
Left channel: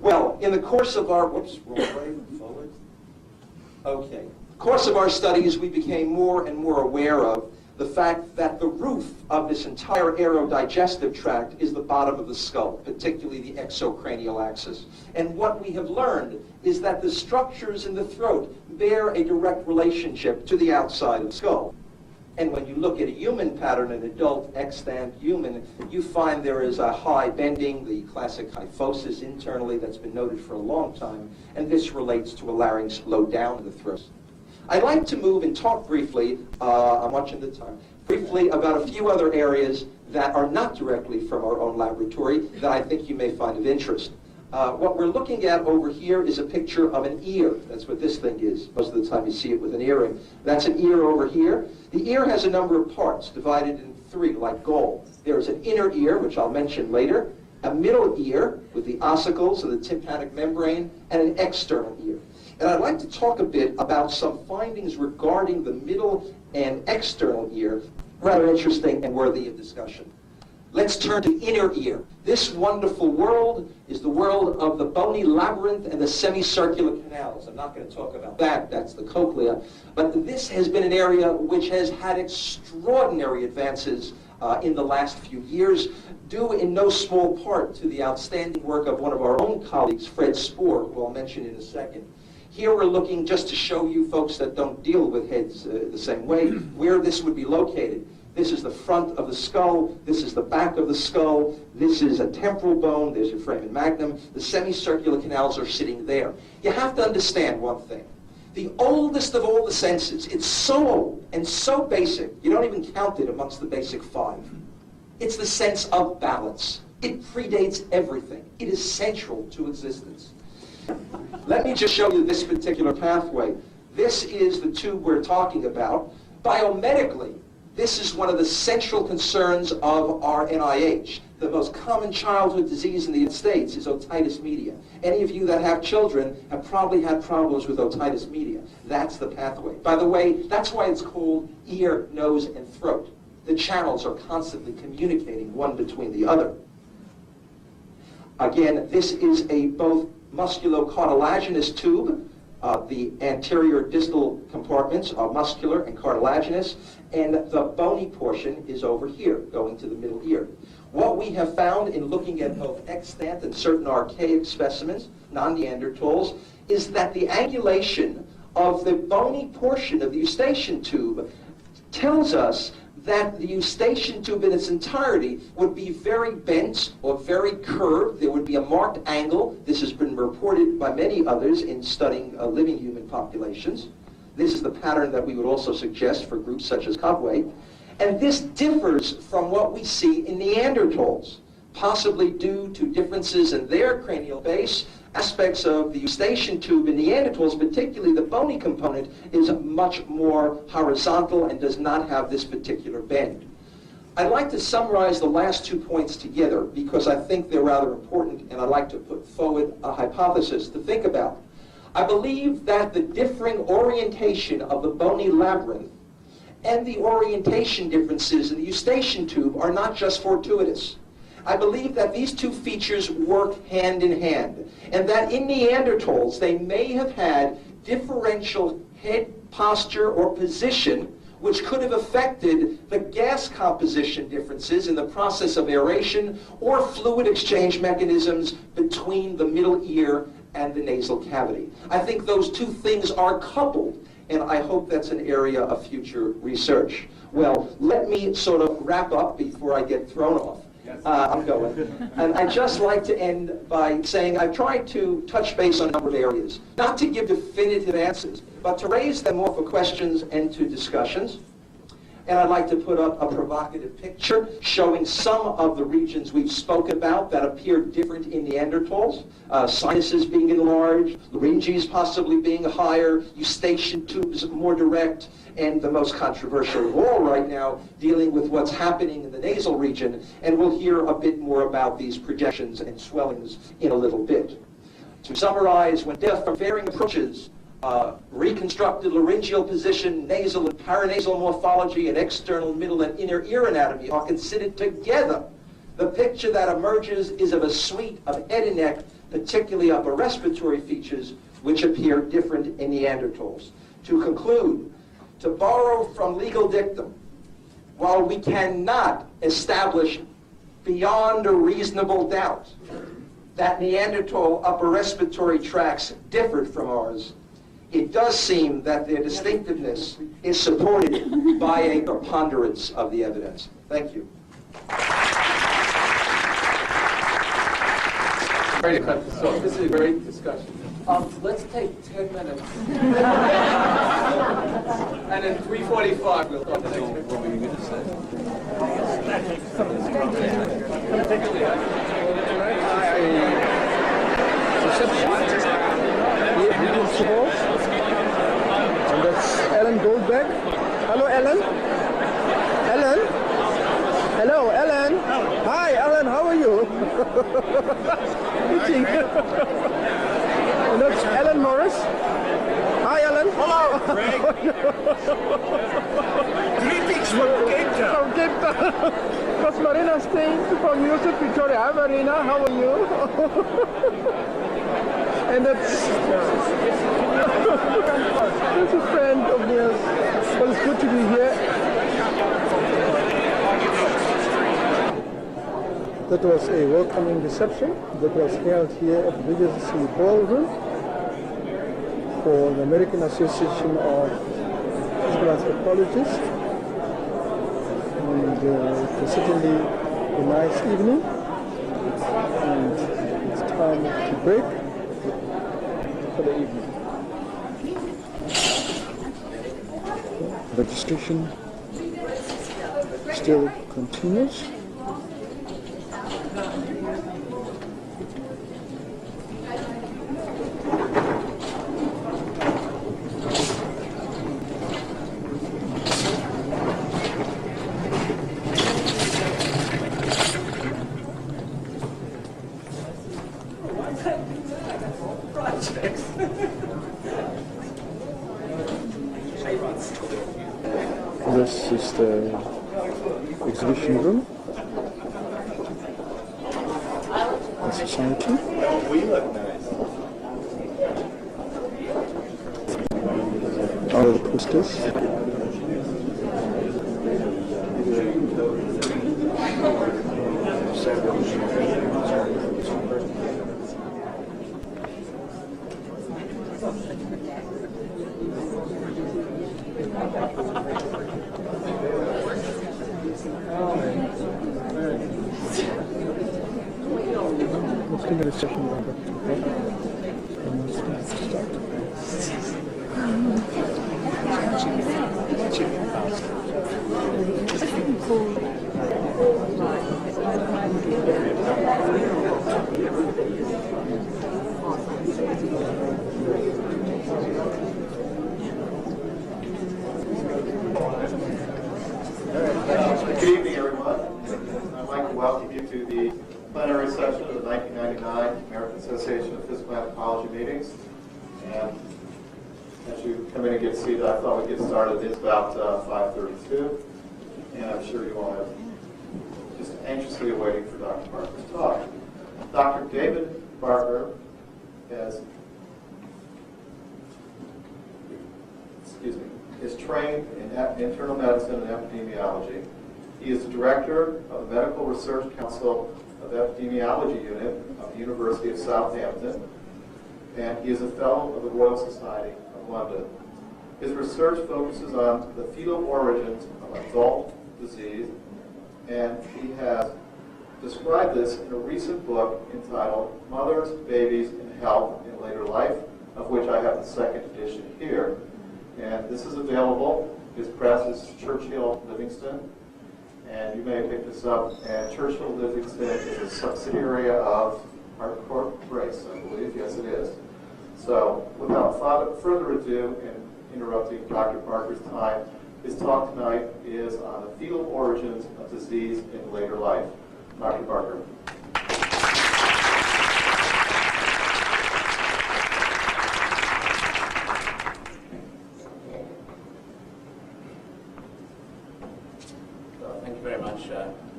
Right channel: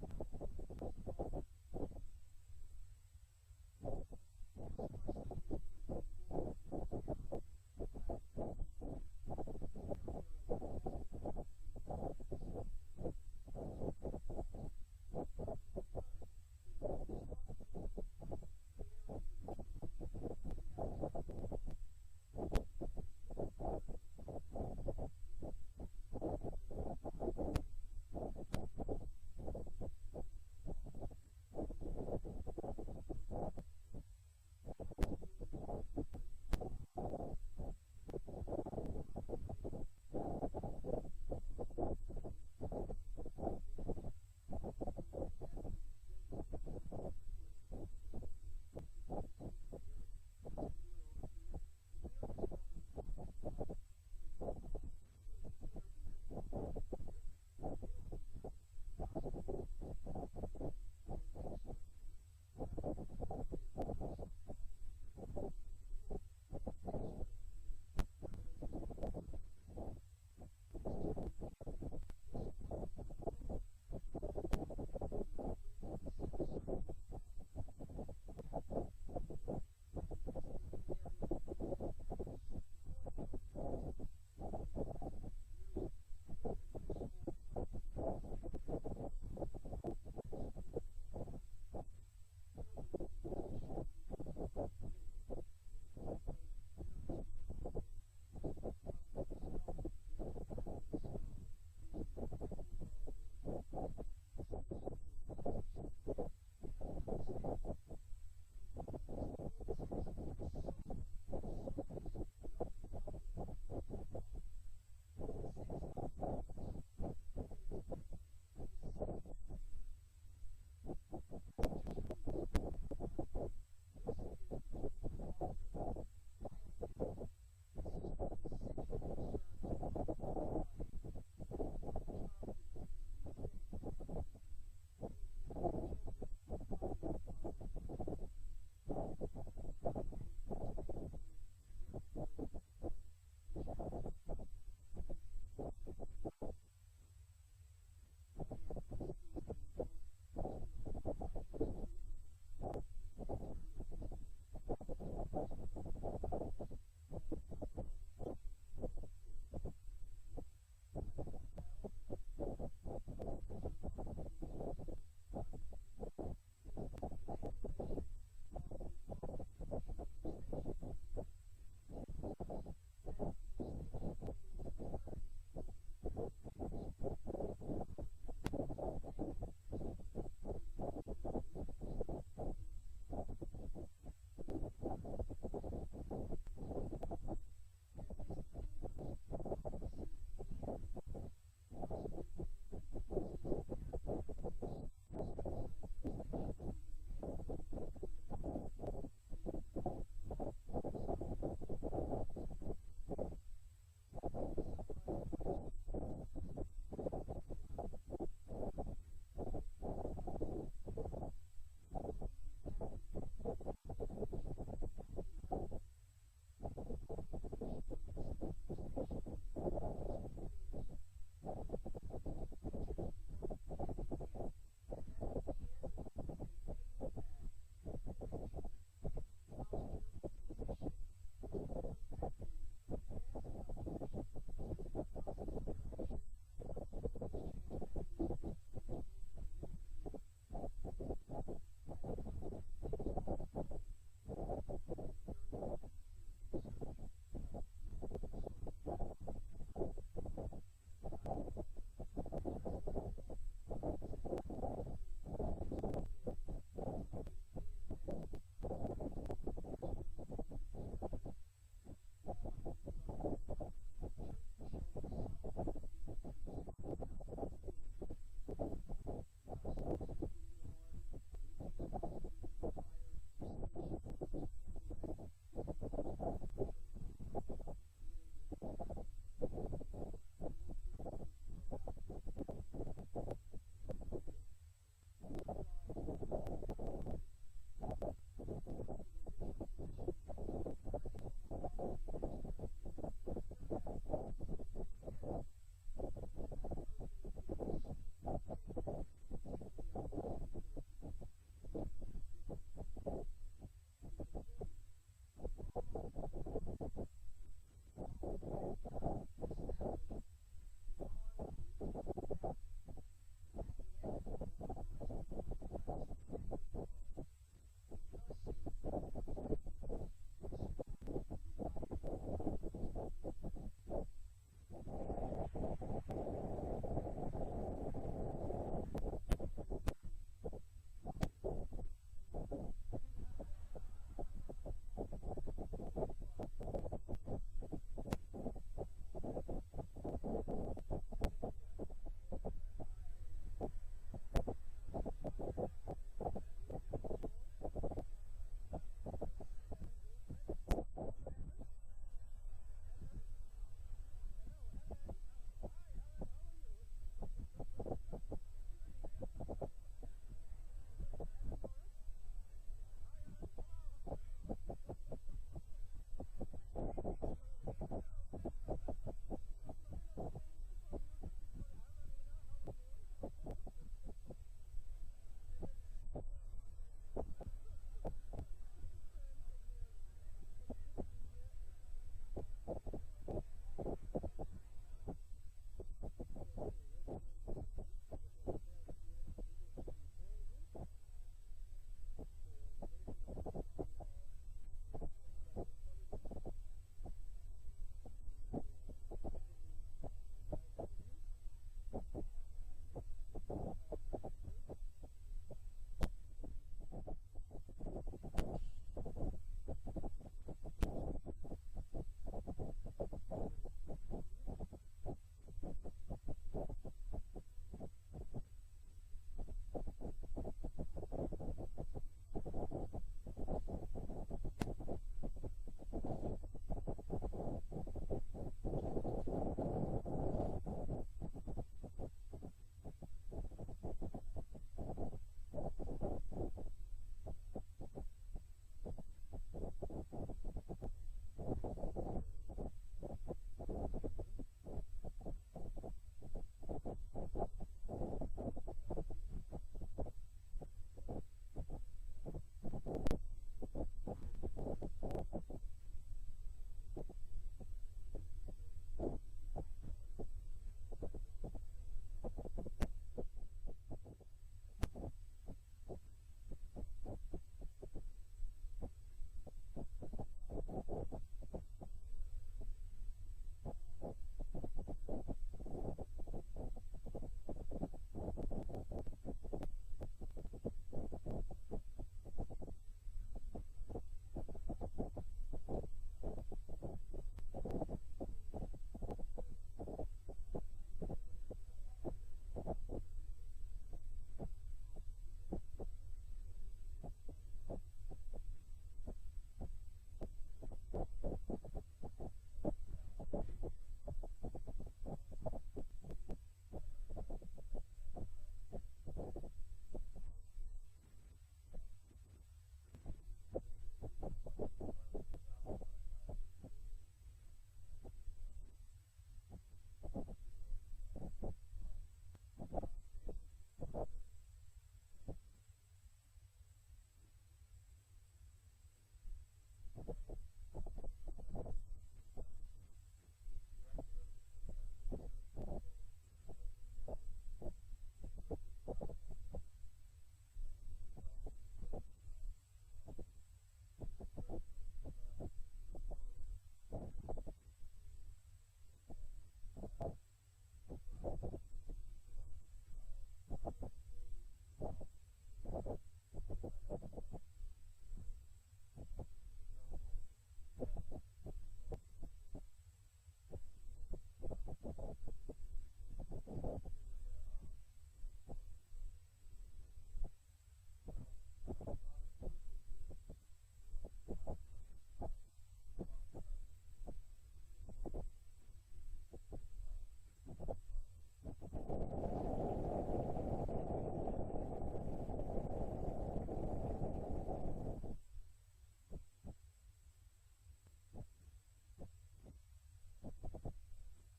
Well, in the course of our, whoops, wrong way, forward. Okay. Course of our studies, we became more and more aware of the fact that the roof of this entire aerodigestive tract is the bottom of the skull, particularly the exocranial axis. And what we have learned is that the structures in the throat bear a direct relationship to the outside of the skull. And when you look at a human pattern, an adult extant human, you find there is a high bending, the classic kyphosis internally that's been noted for a long time, and this relates to a larynx low down in the throat. I'd like to move and talk briefly, I'm watching the time, briefly about a few other areas that are not directly from our own laboratory that I think you may find of interest. What we're looking at over here is a picture of an ear. That's what this thing is. Most of the time you see it with an earring. That's an ear over here. The ear has a number of parts divided in three, like gall. There's an inner ear, which I'll mention later, a middle ear with the ossicles and the tympanic membrane, and an external ear. And I'd like to talk a bit about some findings regarding the middle and external ear, rather interesting and worthy of discussion. Let's turn to inner ear. This wonderful world is the world of the bony labyrinth and the semicircular canals. I'm not going to talk about that, that's the cochlea. But this has been an area which has had extraordinary advances in the last few years, due in no small part to the outstanding work of one of our own colleagues, Fred Spoor, who I'll mention in a second. Here we're looking, just to show you folks that don't deal with heads the same way, where this would be located. This is the front of the skull, this is the back of the skull, this is a temporal bone, there's your foramen magnum, the semicircular canals are sitting there. You have to understand one thing. The oldest of all the senses, it's so old and so basic, you don't even count it amongst the basic five. It's the sense of balance. It predates everything. It is central to existence. Let me just show you this particular pathway. This is the tube we're talking about. Biomedically, this is one of the central concerns of our NIH. The most common childhood disease in the United States is otitis media. Any of you that have children have probably had problems with otitis media. That's the pathway. By the way, that's why it's called ear, nose, and throat. The channels are constantly communicating one between the other. Again, this is a both musculocartilaginous tube. The anterior distal compartments are muscular and cartilaginous, and the bony portion is over here, going to the middle ear. What we have found in looking at both extant and certain archaic specimens, non-Neanderthals, is that the angulation of the bony portion of the eustachian tube tells us that the eustachian tube in its entirety would be very bent or very curved. There would be a marked angle. This has been reported by many others in studying living human populations. This is the pattern that we would also suggest for groups such as Cobway. And this differs from what we see in Neanderthals, possibly due to differences in their cranial base. Aspects of the eustachian tube in Neanderthals, particularly the bony component, is much more horizontal and does not have this particular bend. I'd like to summarize the last 2 points together because I think they're rather important, and I'd like to put forward a hypothesis to think about. I believe that the differing orientation of the bony labyrinth and the orientation differences in the eustachian tube are not just fortuitous. I believe that these two features work hand in hand, and that in Neanderthals they may have had differential head posture or position which could have affected the gas composition differences in the process of aeration or fluid exchange mechanisms between the middle ear and the nasal cavity. I think those two things are coupled, and I hope that's an area of future research. Well, let me sort of wrap up before I get thrown off. I'm going. And I'd just like to end by saying I've tried to touch base on a number of areas, not to give definitive answers, but to raise them more for questions and to discussions. And I'd like to put up a provocative picture showing some of the regions we've spoken about that appear different in Neanderthals. Sinuses being enlarged, larynges possibly being higher, eustachian tubes more direct, and the most controversial of all right now, dealing with what's happening in the nasal region. And we'll hear a bit more about these projections and swellings in a little bit. To summarize, when death from varying approaches, reconstructed laryngeal position, nasal and paranasal morphology, and external, middle, and inner ear anatomy are considered together, the picture that emerges is of a suite of head and neck, particularly upper respiratory features, which appear different in Neanderthals. To conclude, to borrow from legal dictum, while we cannot establish beyond a reasonable doubt that Neanderthal upper respiratory tracts differed from ours, it does seem that their distinctiveness is supported by a preponderance of the evidence. Thank you. Great to cut this off. This is a great discussion. Let's take 10 minutes. And then 3:45 we'll talk the next bit. What were you going to say? And that's Ellen Goldberg. Hello, Ellen. Ellen. Hello, Ellen. Hi, Ellen. How are you? Meeting. And that's Ellen Morris. Hi, Ellen. Hello, Greg. Greetings from Cape Town. From Cape Town. That's Marina Stein from University of Victoria. Hi, Marina. How are you? And that's a friend of theirs. Well, it's good to be here. That was a welcoming reception that was held here at the Regency Ballroom for the American Association of Anthropologists. And it was certainly a nice evening. And it's time to break for the evening. Registration still continues. This is the exhibition room, the society. We look nice. All of the posters. Let's give it a second. Good evening, everyone. I'd like to welcome you to the plenary session of the 1999 American Association of Physical Anthropology meetings. And as you come in and get seated, I thought we'd get started. It's about 5:32, and I'm sure you all have just anxiously awaiting for Dr. Barker's talk. Dr. David Barker is trained in internal medicine and epidemiology. He is the director of the Medical Research Council of Epidemiology Unit of the University of Southampton, and he is a fellow of the Royal Society of London. His research focuses on the fetal origins of adult disease, and he has described this in a recent book entitled Mothers, Babies, and Health in Later Life, of which I have the second edition here. And this is available His press is Churchill Livingston, and you may have picked this up. And Churchill Livingston is a subsidiary of Hart Corporation, I believe. Yes, it is. So, without further ado, and interrupting Dr. Parker's time, his talk tonight is on the fetal origins of disease in later life. Dr. Parker. Thank you very much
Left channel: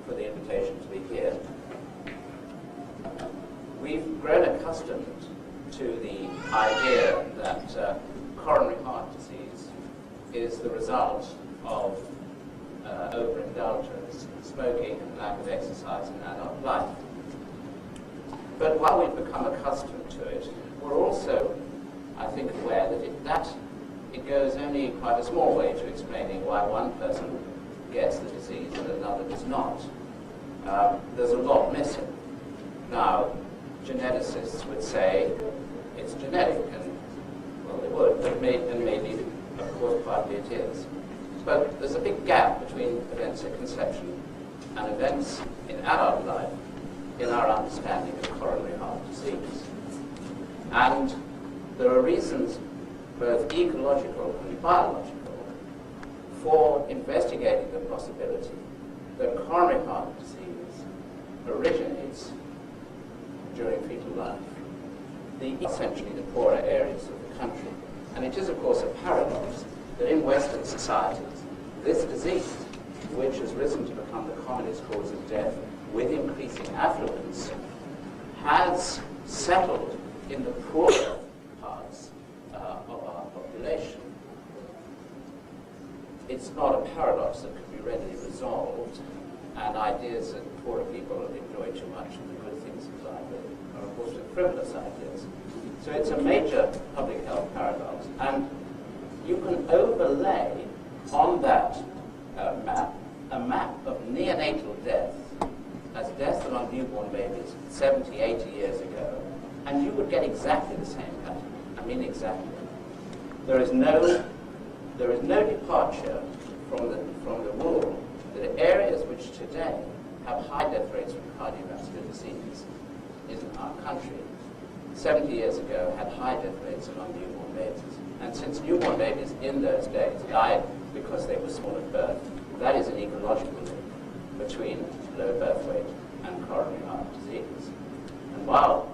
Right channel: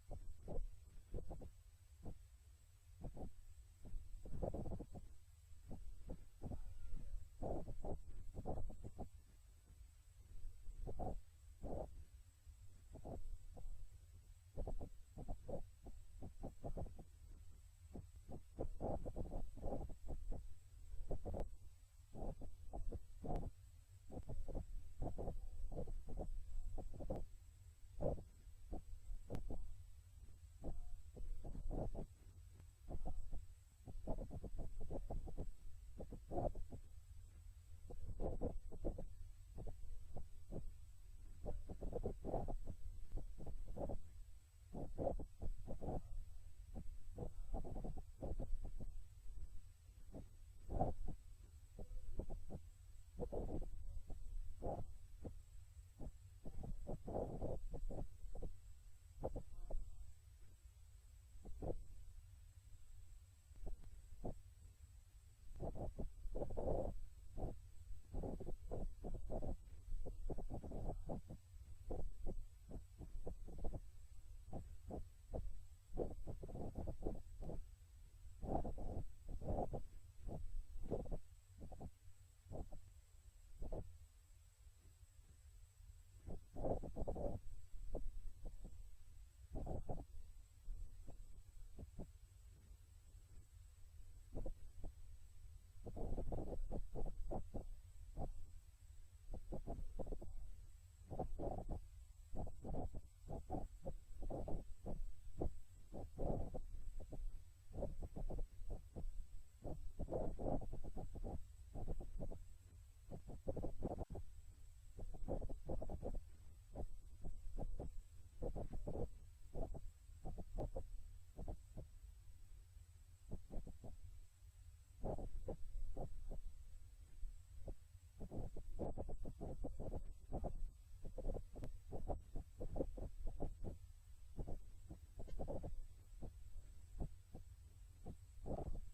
for the invitation to be here. We've grown accustomed to the idea that coronary heart disease is the result of overindulgence, smoking, and lack of exercise in adult life. But while we've become accustomed to it, we're also, I think, aware that it goes only quite a small way to explaining why one person gets the disease and another does not. There's a lot missing. Now, geneticists would say it's genetic, and well, they would, but maybe, of course, partly it is. But there's a big gap between events at conception and events in adult life in our understanding of coronary heart disease. And there are reasons, both ecological and biological, for investigating the possibility that coronary heart disease originates during fetal life, essentially the poorer areas of the country. And it is, of course, a paradox that in Western societies, this disease, which has risen to become the commonest cause of death with increasing affluence, has settled in the poorer parts of our population. It's not a paradox that can be readily resolved, and ideas that poorer people enjoy too much of the good things of life are, of course, frivolous ideas. So it's a major public health paradox, and you can overlay on that map a map of neonatal death as deaths among newborn babies 70, 80 years ago, and you would get exactly the same pattern. I mean exactly. There is no departure from the rule that areas which today have high death rates from cardiovascular disease in our country 70 years ago had high death rates among newborn babies. And since newborn babies in those days died because they were small at birth, that is an ecological link between low birth weight and coronary heart disease. And while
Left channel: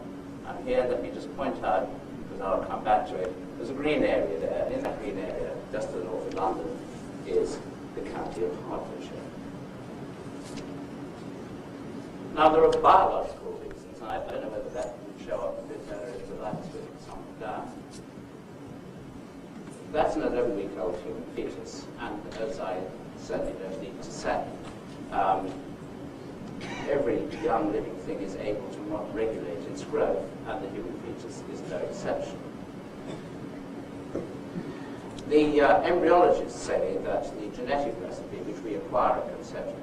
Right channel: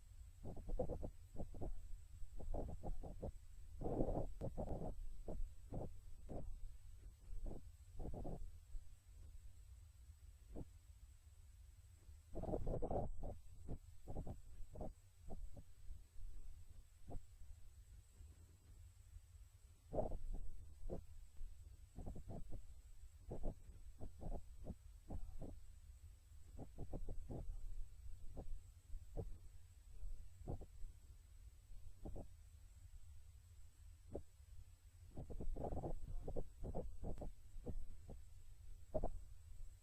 I'm here, let me just point out, because I'll come back to it, there's a green area there. In that green area, just to the north of London, is the county of Hertfordshire. Now, there are biological reasons, and I don't know whether that would show up a bit better if the light switch was something down. That's an 11-week-old human fetus, and as I certainly don't need to say, every young living thing is able to regulate its growth, and the human fetus is no exception. The embryologists say that the genetic recipe which we acquire at conception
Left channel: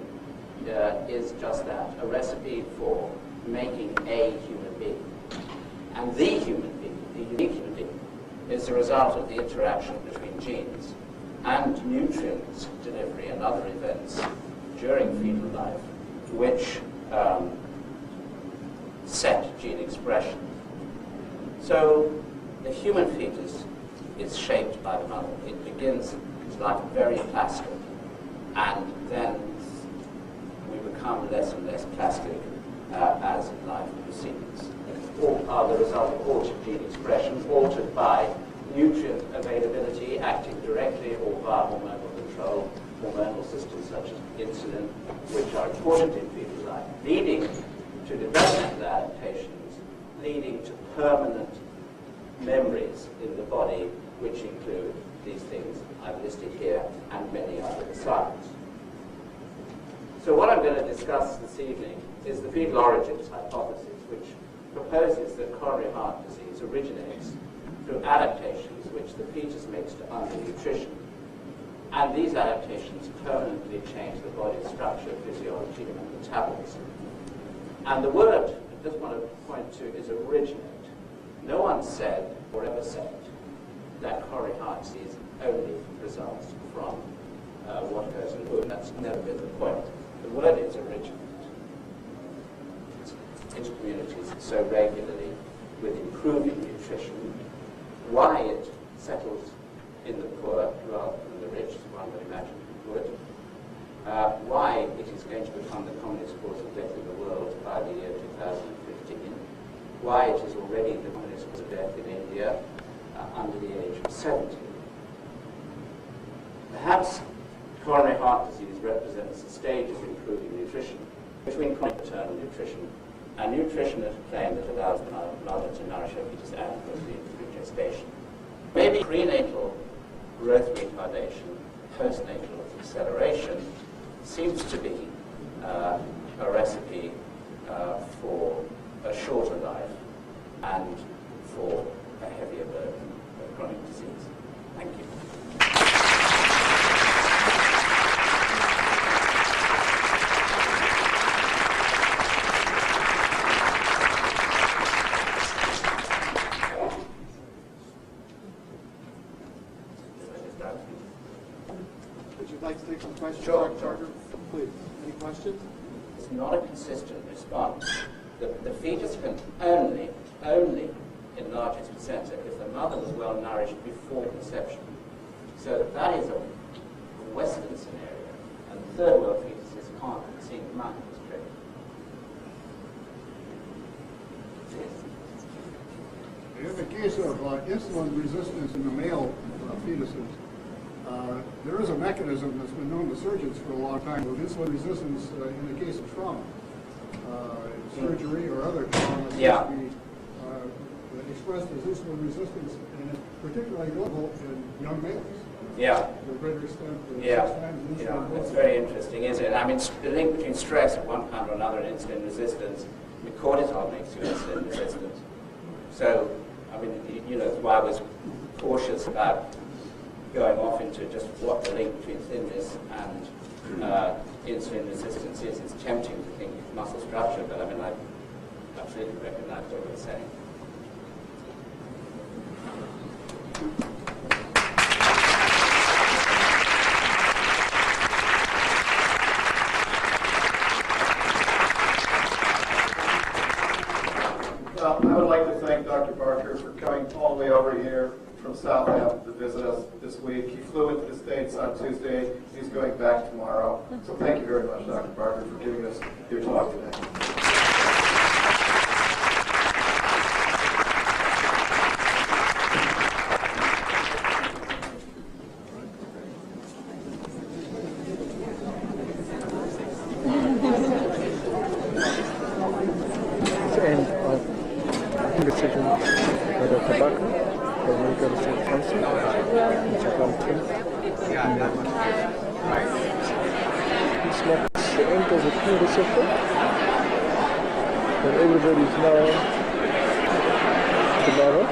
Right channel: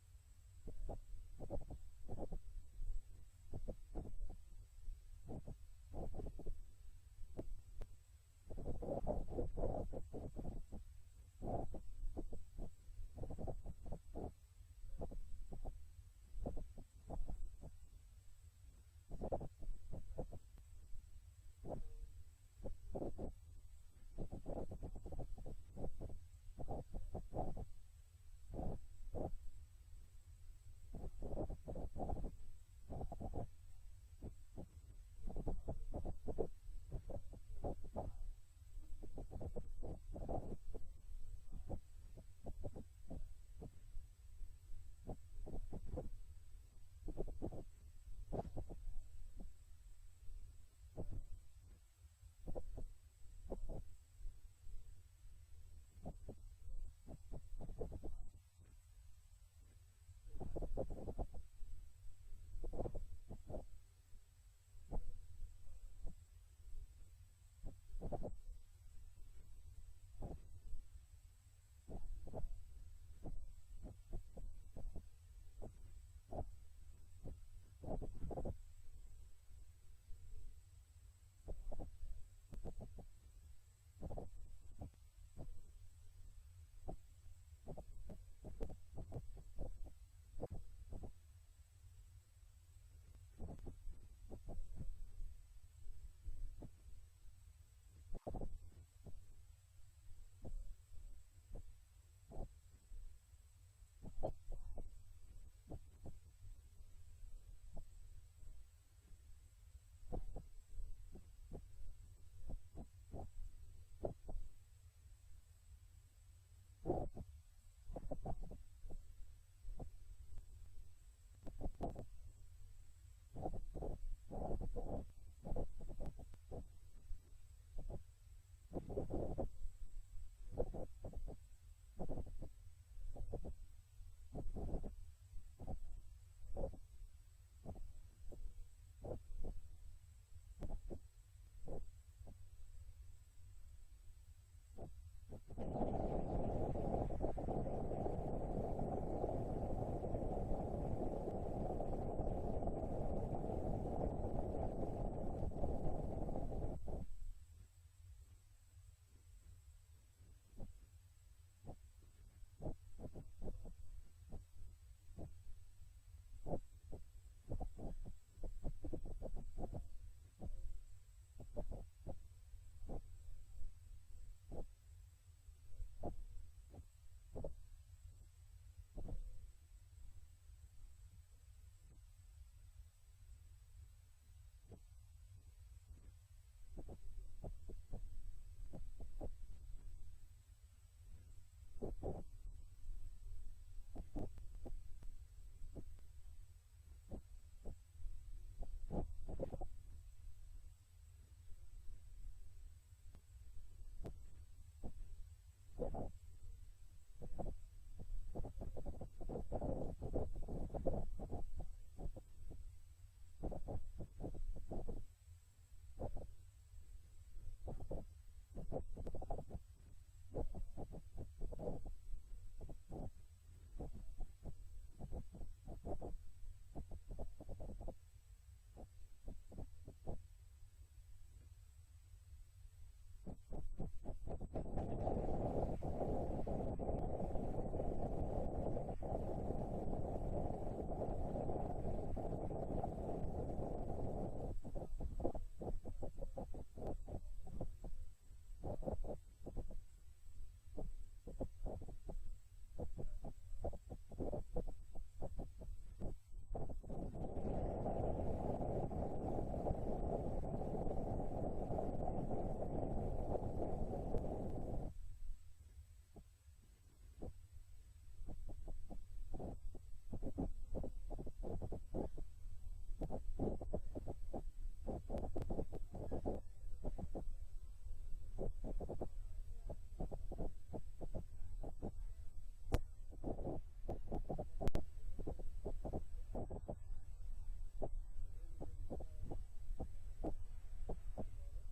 is just that, a recipe for making a human being. And the human being, the unique human being, is the result of the interaction between genes and nutrients delivery and other events during fetal life which set gene expression. So the human fetus is shaped by the mother. It begins its life very plastic, and then we become less and less plastic as life proceeds. All are the result of altered gene expression, altered by nutrient availability acting directly or via hormonal control, hormonal systems such as insulin, which are important in fetal life, leading to developmental adaptations, leading to permanent memories in the body, which include these things I've listed here and many other besides. So what I'm going to discuss this evening is the fetal origins hypothesis, which proposes that coronary heart disease originates through adaptations which the fetus makes to undernutrition. And these adaptations permanently change the body's structure, physiology, and metabolism. And the word I just want to point to is originate. No one said or ever said that coronary heart disease only results from what goes in food. That's never been the point. The word is original. Intercommunities so regularly with improving nutrition, why it settles in the poor rather than the rich, as one would imagine it would, why it is going to become the commonest cause of death in the world by the year 2015, why it is already the commonest cause of death in India under the age of 70. Perhaps coronary heart disease represents a stage of improving nutrition between chronic maternal nutrition and nutrition at a claim that allows the mother to nourish her fetus adequately through gestation. Maybe prenatal growth retardation, postnatal acceleration seems to be a recipe for a shorter life and for a heavier burden of chronic disease. Thank you. Would you like to take some questions, Sure. Dr. Charter? Please. Any questions? It's not a consistent response. The fetus can only enlarge its placenta if the mother was well nourished before conception. So that is a Western scenario, and third world fetuses can't seem to mind this trick. In the case of insulin resistance in the male fetuses, there is a mechanism that's been known to surgeons for a long time with insulin resistance in the case of trauma. Surgery or other trauma Yeah. be expressed as insulin resistance, and it's particularly notable in young males. Yeah. To a greater extent than Yeah, 6 times insulin yeah, resistance. it's very interesting, isn't it? I mean, the link between stress of one kind or another and insulin resistance, I mean, cortisol makes you insulin resistant. So, I mean, you know, that's why I was cautious about going off into just what the link between thinness and insulin resistance is. It's tempting to think muscle structure, but I mean, I absolutely recognize what you're saying. Well, I would like to thank Dr. Barker for coming all the way over here from Southampton to visit us this week. He flew into the States on Tuesday. He's going back tomorrow. So thank you very much, Dr. Barker, for giving us your talk today. Decision by Dr. Barker, the Medical Research Council, in Southampton. It's not the end of the clinical session, and everybody is now tomorrow.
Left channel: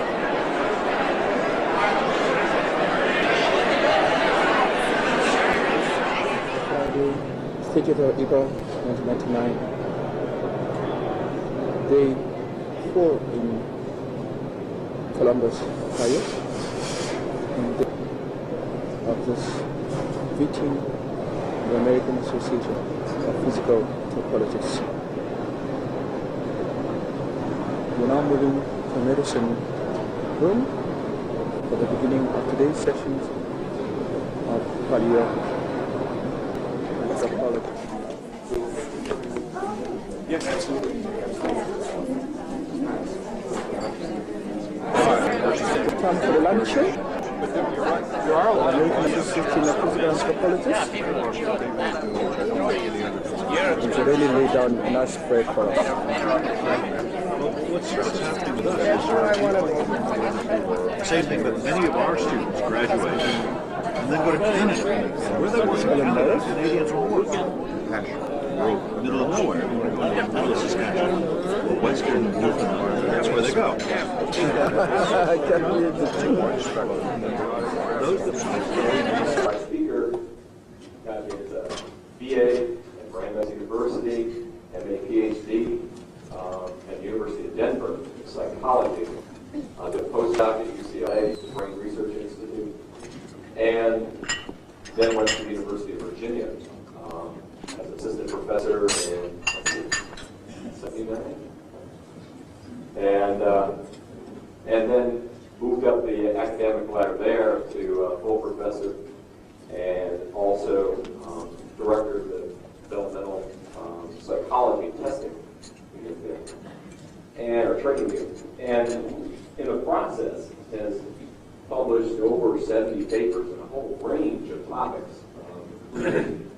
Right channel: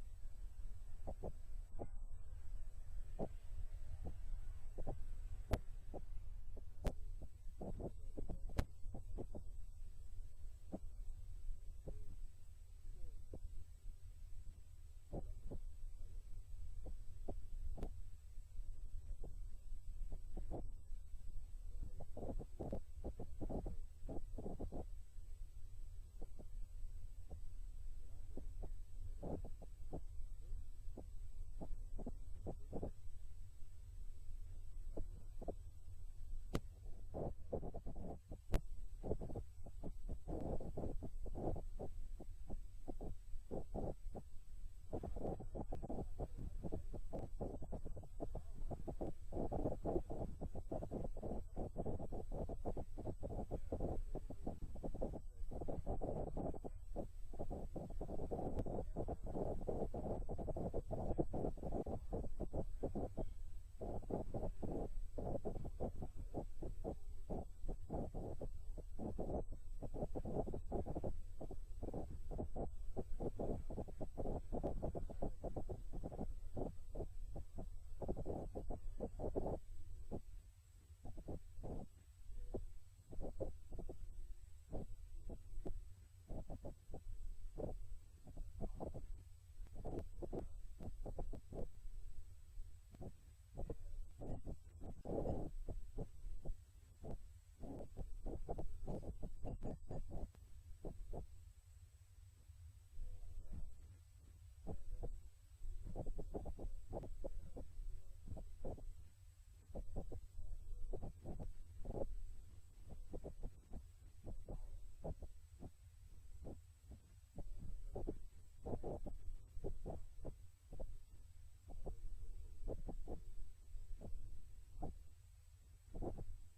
Friday, stated of April 1999. Day 4 in Columbus, Hyatt, and of this meeting the American Association of Physical Anthropologists. We're now moving to medicine room for the beginning of today's sessions of paleo anthropology. Yes, absolutely. Time for the lunch show. You are American Association of Physical Anthropologists. It's really laid down a nice spread for us. What's happening with us? Same thing, but many of our students graduate and then go to Canada. Where they work in Canada, Canadians are working. We're middle of nowhere. Middle of Saskatchewan, western Newfoundland. That's where they go. Our speaker graduated BA at Brandeis University and a PhD at the University of Denver in psychology. Did a postdoc at UCLA, Brain Research Institute, and then went to the University I think. And then moved up the academic ladder there to full professor and also director of the developmental psychology testing unit there, or training unit. And in the process has published over 70 papers in a whole range of topics, including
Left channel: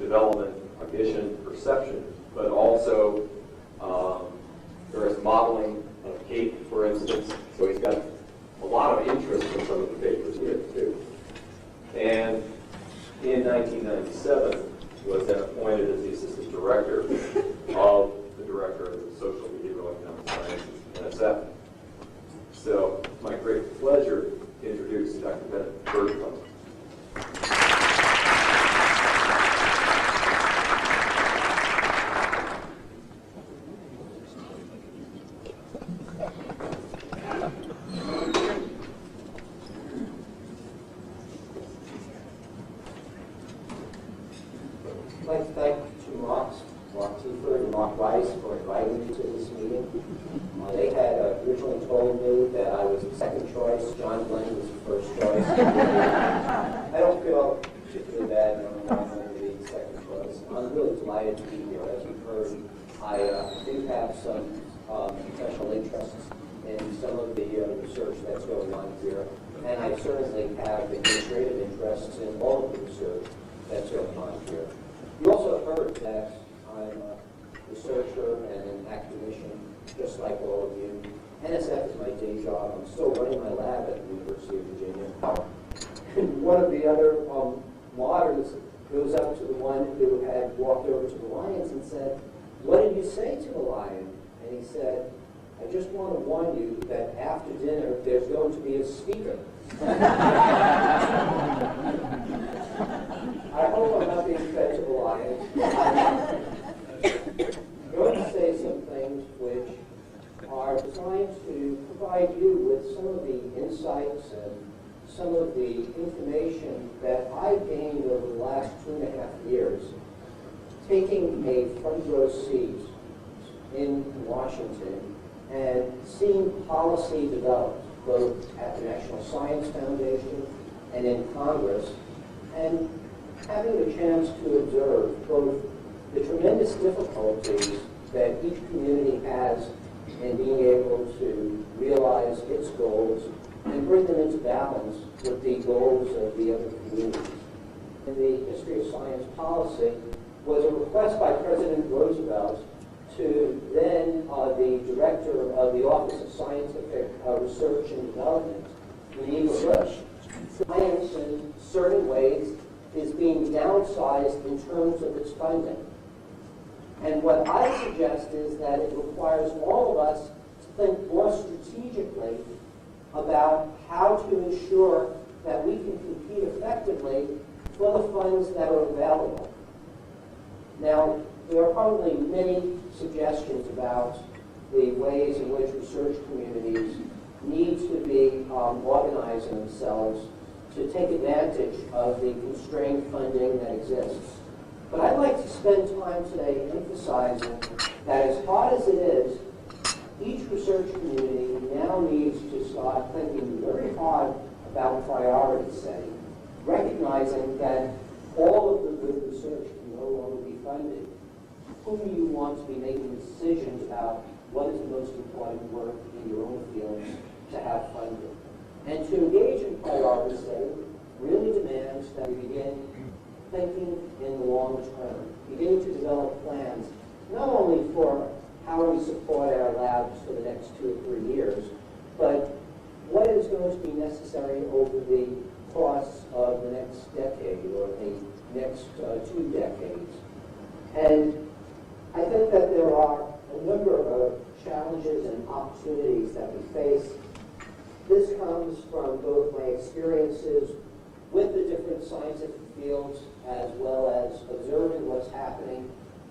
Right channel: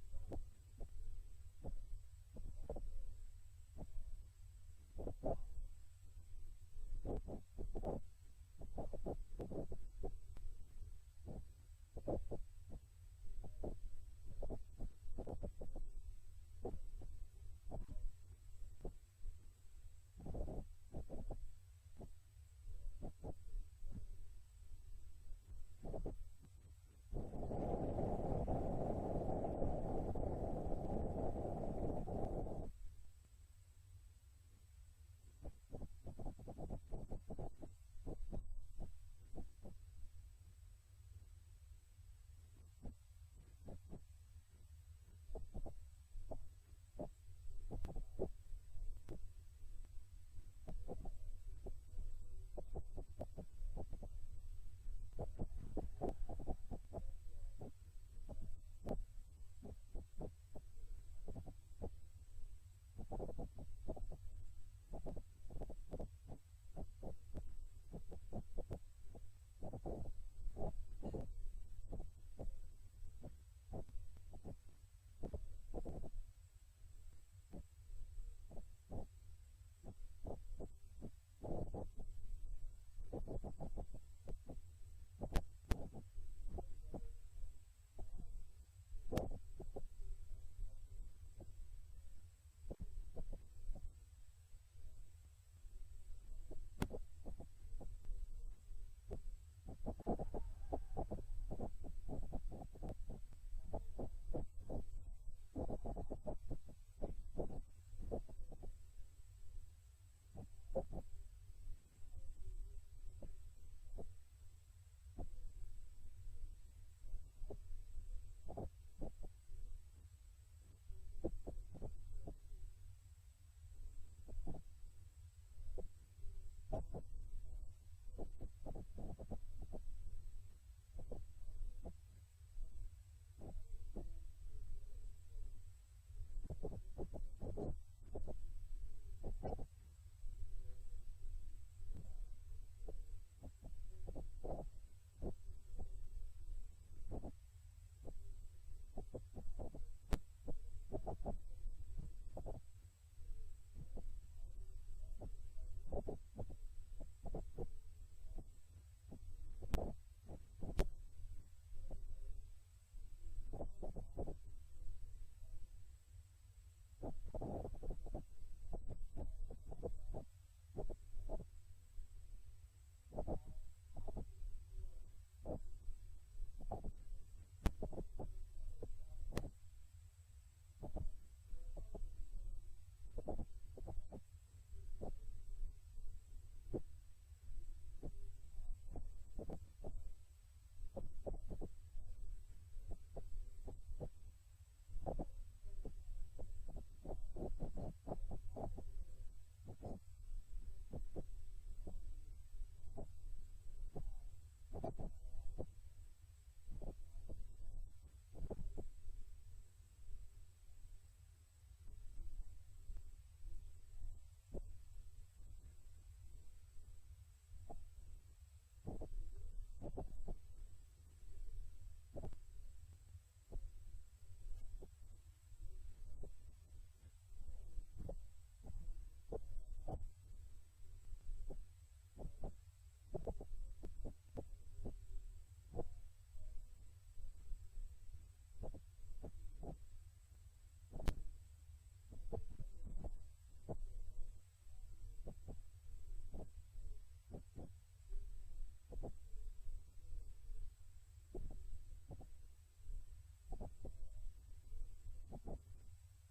development, cognition, perception, but also various modeling of Kate, for instance. So he's got a lot of interest in some of the papers here, too. And in 1997, was then appointed as the assistant director of the director of the Social Behavioral Economic Sciences, NSF. So it's my great pleasure to introduce Dr. Bennett Bergstrom. I'd like to thank two Marks, Mark Tieford and Mark Weiss, for inviting me to this meeting. They had originally told me that I was the second choice. John Glenn was the first choice. I don't feel particularly bad knowing I'm going to be the second choice. I'm really delighted to be here. As you've heard, I do have some professional interests in some of the research that's going on here. And I certainly have administrative interests in all of the research that's going on here. You also heard that I'm a researcher and an academician, just like all of you. NSF is my day job. I'm still running my lab at the University of Virginia. And one of the other martyrs goes up to the one who had walked over to the lions and said, "What did you say to the lion?" And he said, "I just want to warn you that after dinner, there's going to be a speaker." I hope I'm not being fed to the lions. I'm going to say some things which are designed to provide you with some of the insights and some of the information that I've gained over the last 2.5 years, taking a front row seat in Washington and seeing policy developed, both at the National Science Foundation and in Congress, and having the chance to observe both the tremendous difficulties that each community has in being able to realize its goals and bring them into balance with the goals of the other communities. In the history of science policy was a request by President Roosevelt to then the director of the Office of Scientific Research and Development, Geneva Bush. Science in certain ways is being downsized in terms of its funding. And what I suggest is that it requires all of us to think more strategically about how to ensure that we can compete effectively for the funds that are available. Now, there are probably many suggestions about the ways in which research communities need to be organizing themselves to take advantage of the constrained funding that exists. But I'd like to spend time today emphasizing that as hard as it is, each research community now needs to start thinking very hard about priority setting, recognizing that all of the good research can no longer be funded. Who do you want to be making decisions about what is the most important work in your own fields to have funded? And to engage in priority setting really demands that we begin thinking in the long term, beginning to develop plans, not only for how we support our labs for the next 2 or 3 years, but what is going to be necessary over the course of the next decade or the next 2 decades. And I think that there are a number of challenges and opportunities that we face. This comes from both my experiences with the different scientific fields as well as observing what's happening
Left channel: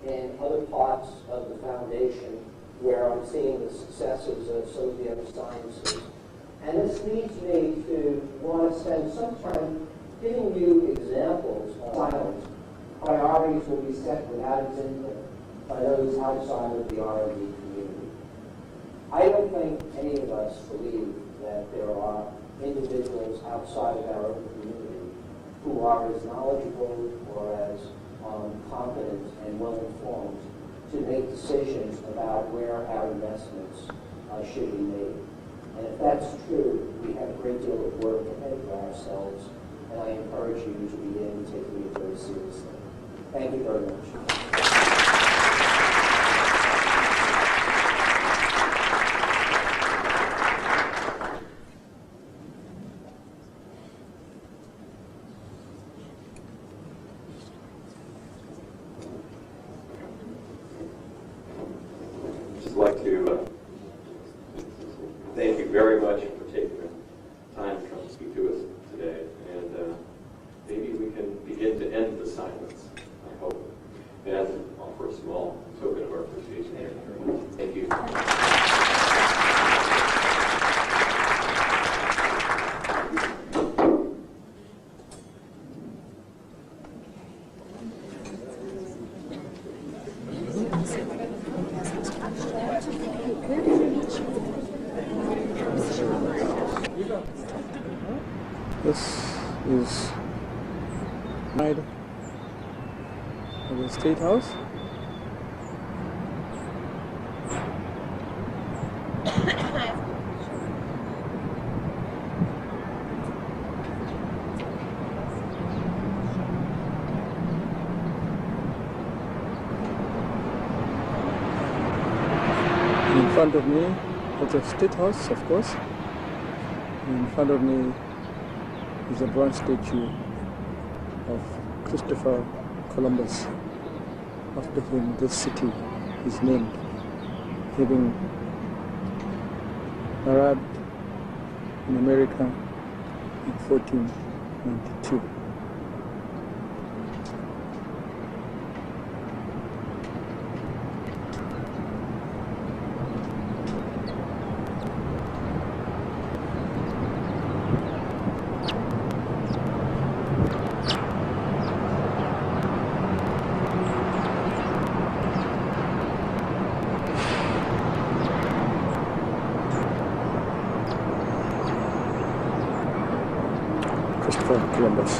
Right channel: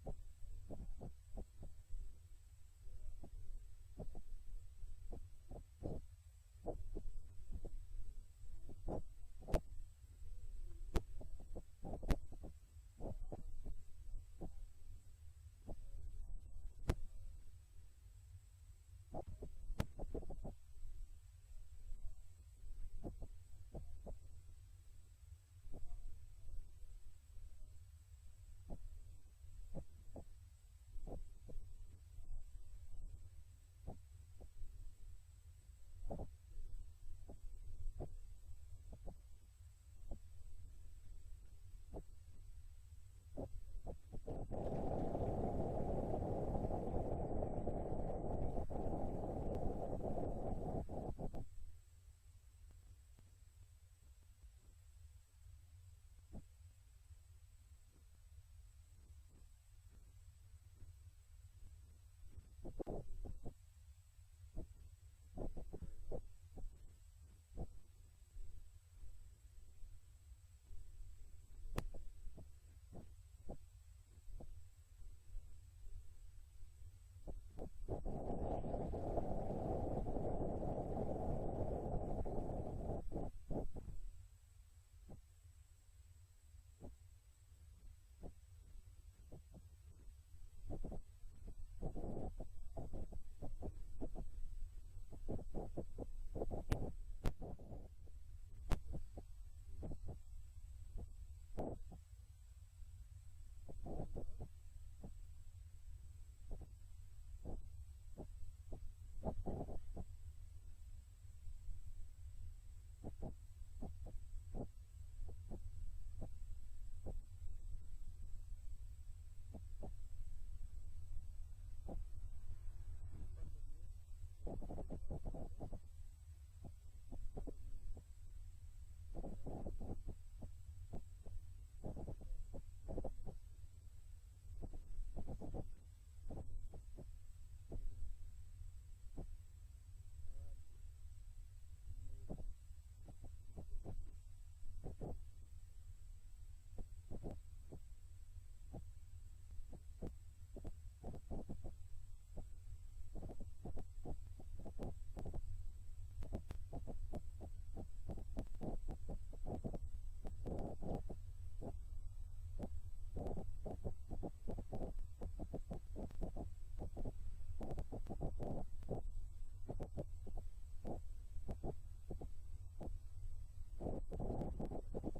in other parts of the foundation where I'm seeing the successes of some of the other sciences. And this leads me to want to spend some time giving you examples of silence. Priorities will be set without its input. by those outside of the R&D community. I don't think any of us believe that there are individuals outside of our own community who are as knowledgeable or as competent and well-informed to make decisions about where our investments should be made. And if that's true, we have a great deal of work ahead for ourselves, and I encourage you to begin taking it very seriously. Thank you very much. I'd like to thank you very much for taking the time to come speak to us today. And maybe we can begin to end the silence, I hope, and offer a small token of our appreciation. Thank you. This is side of the State House. In front of me is the State House, of course. In front of me is a bronze statue of Christopher Columbus, after whom this city is named, having arrived in America in 1492. Christopher Columbus.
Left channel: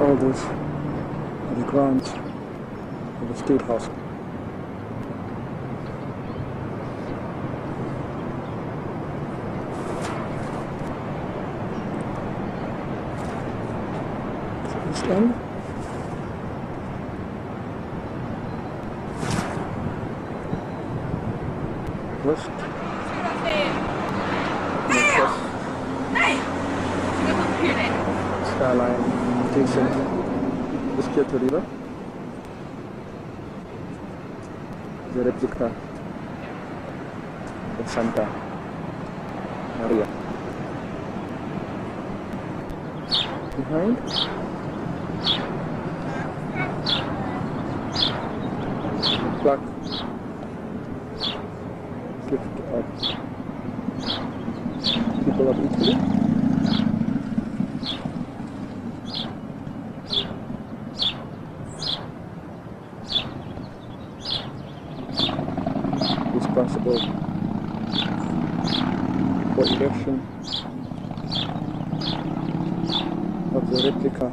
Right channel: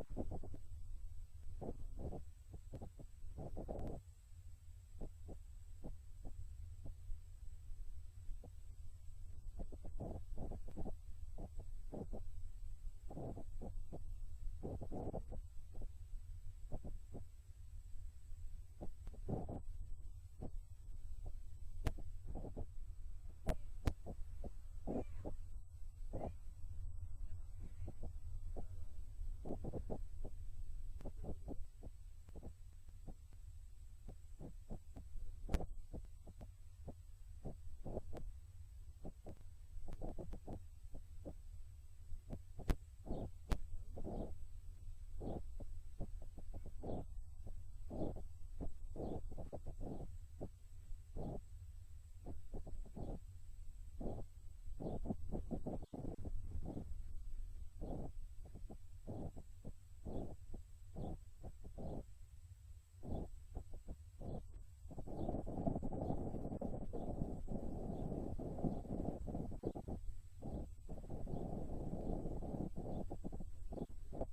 All these are the grounds of the State House. This end. West. Skyline adjacent to the river. The replica of Santa Maria. Behind, plaque gift of people of Italy. Responsible for erection of the replica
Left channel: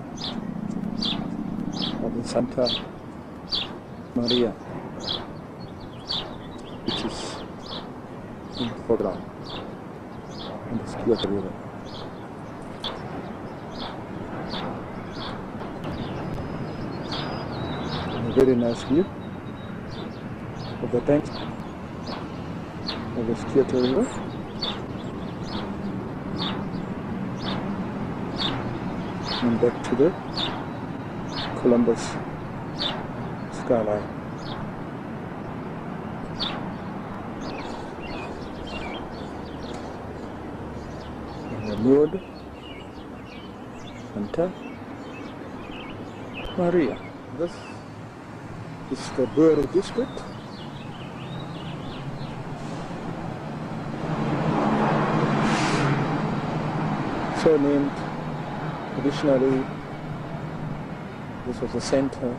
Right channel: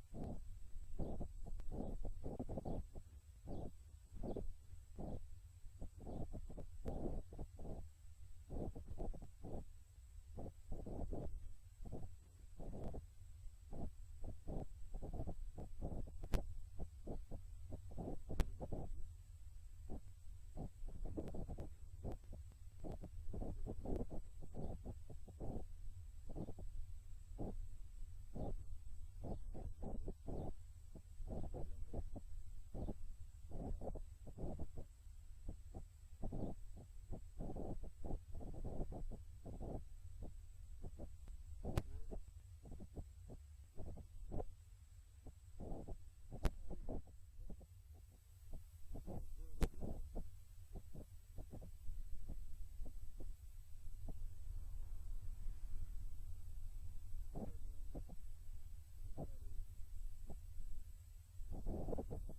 of the Santa Maria, which is in the foreground on the Schiota River. A very nice view of the banks of the Schiota River. And back to the Columbus skyline. And the Lord Santa Maria. This is the Borough District. So named. Traditionally, this was the center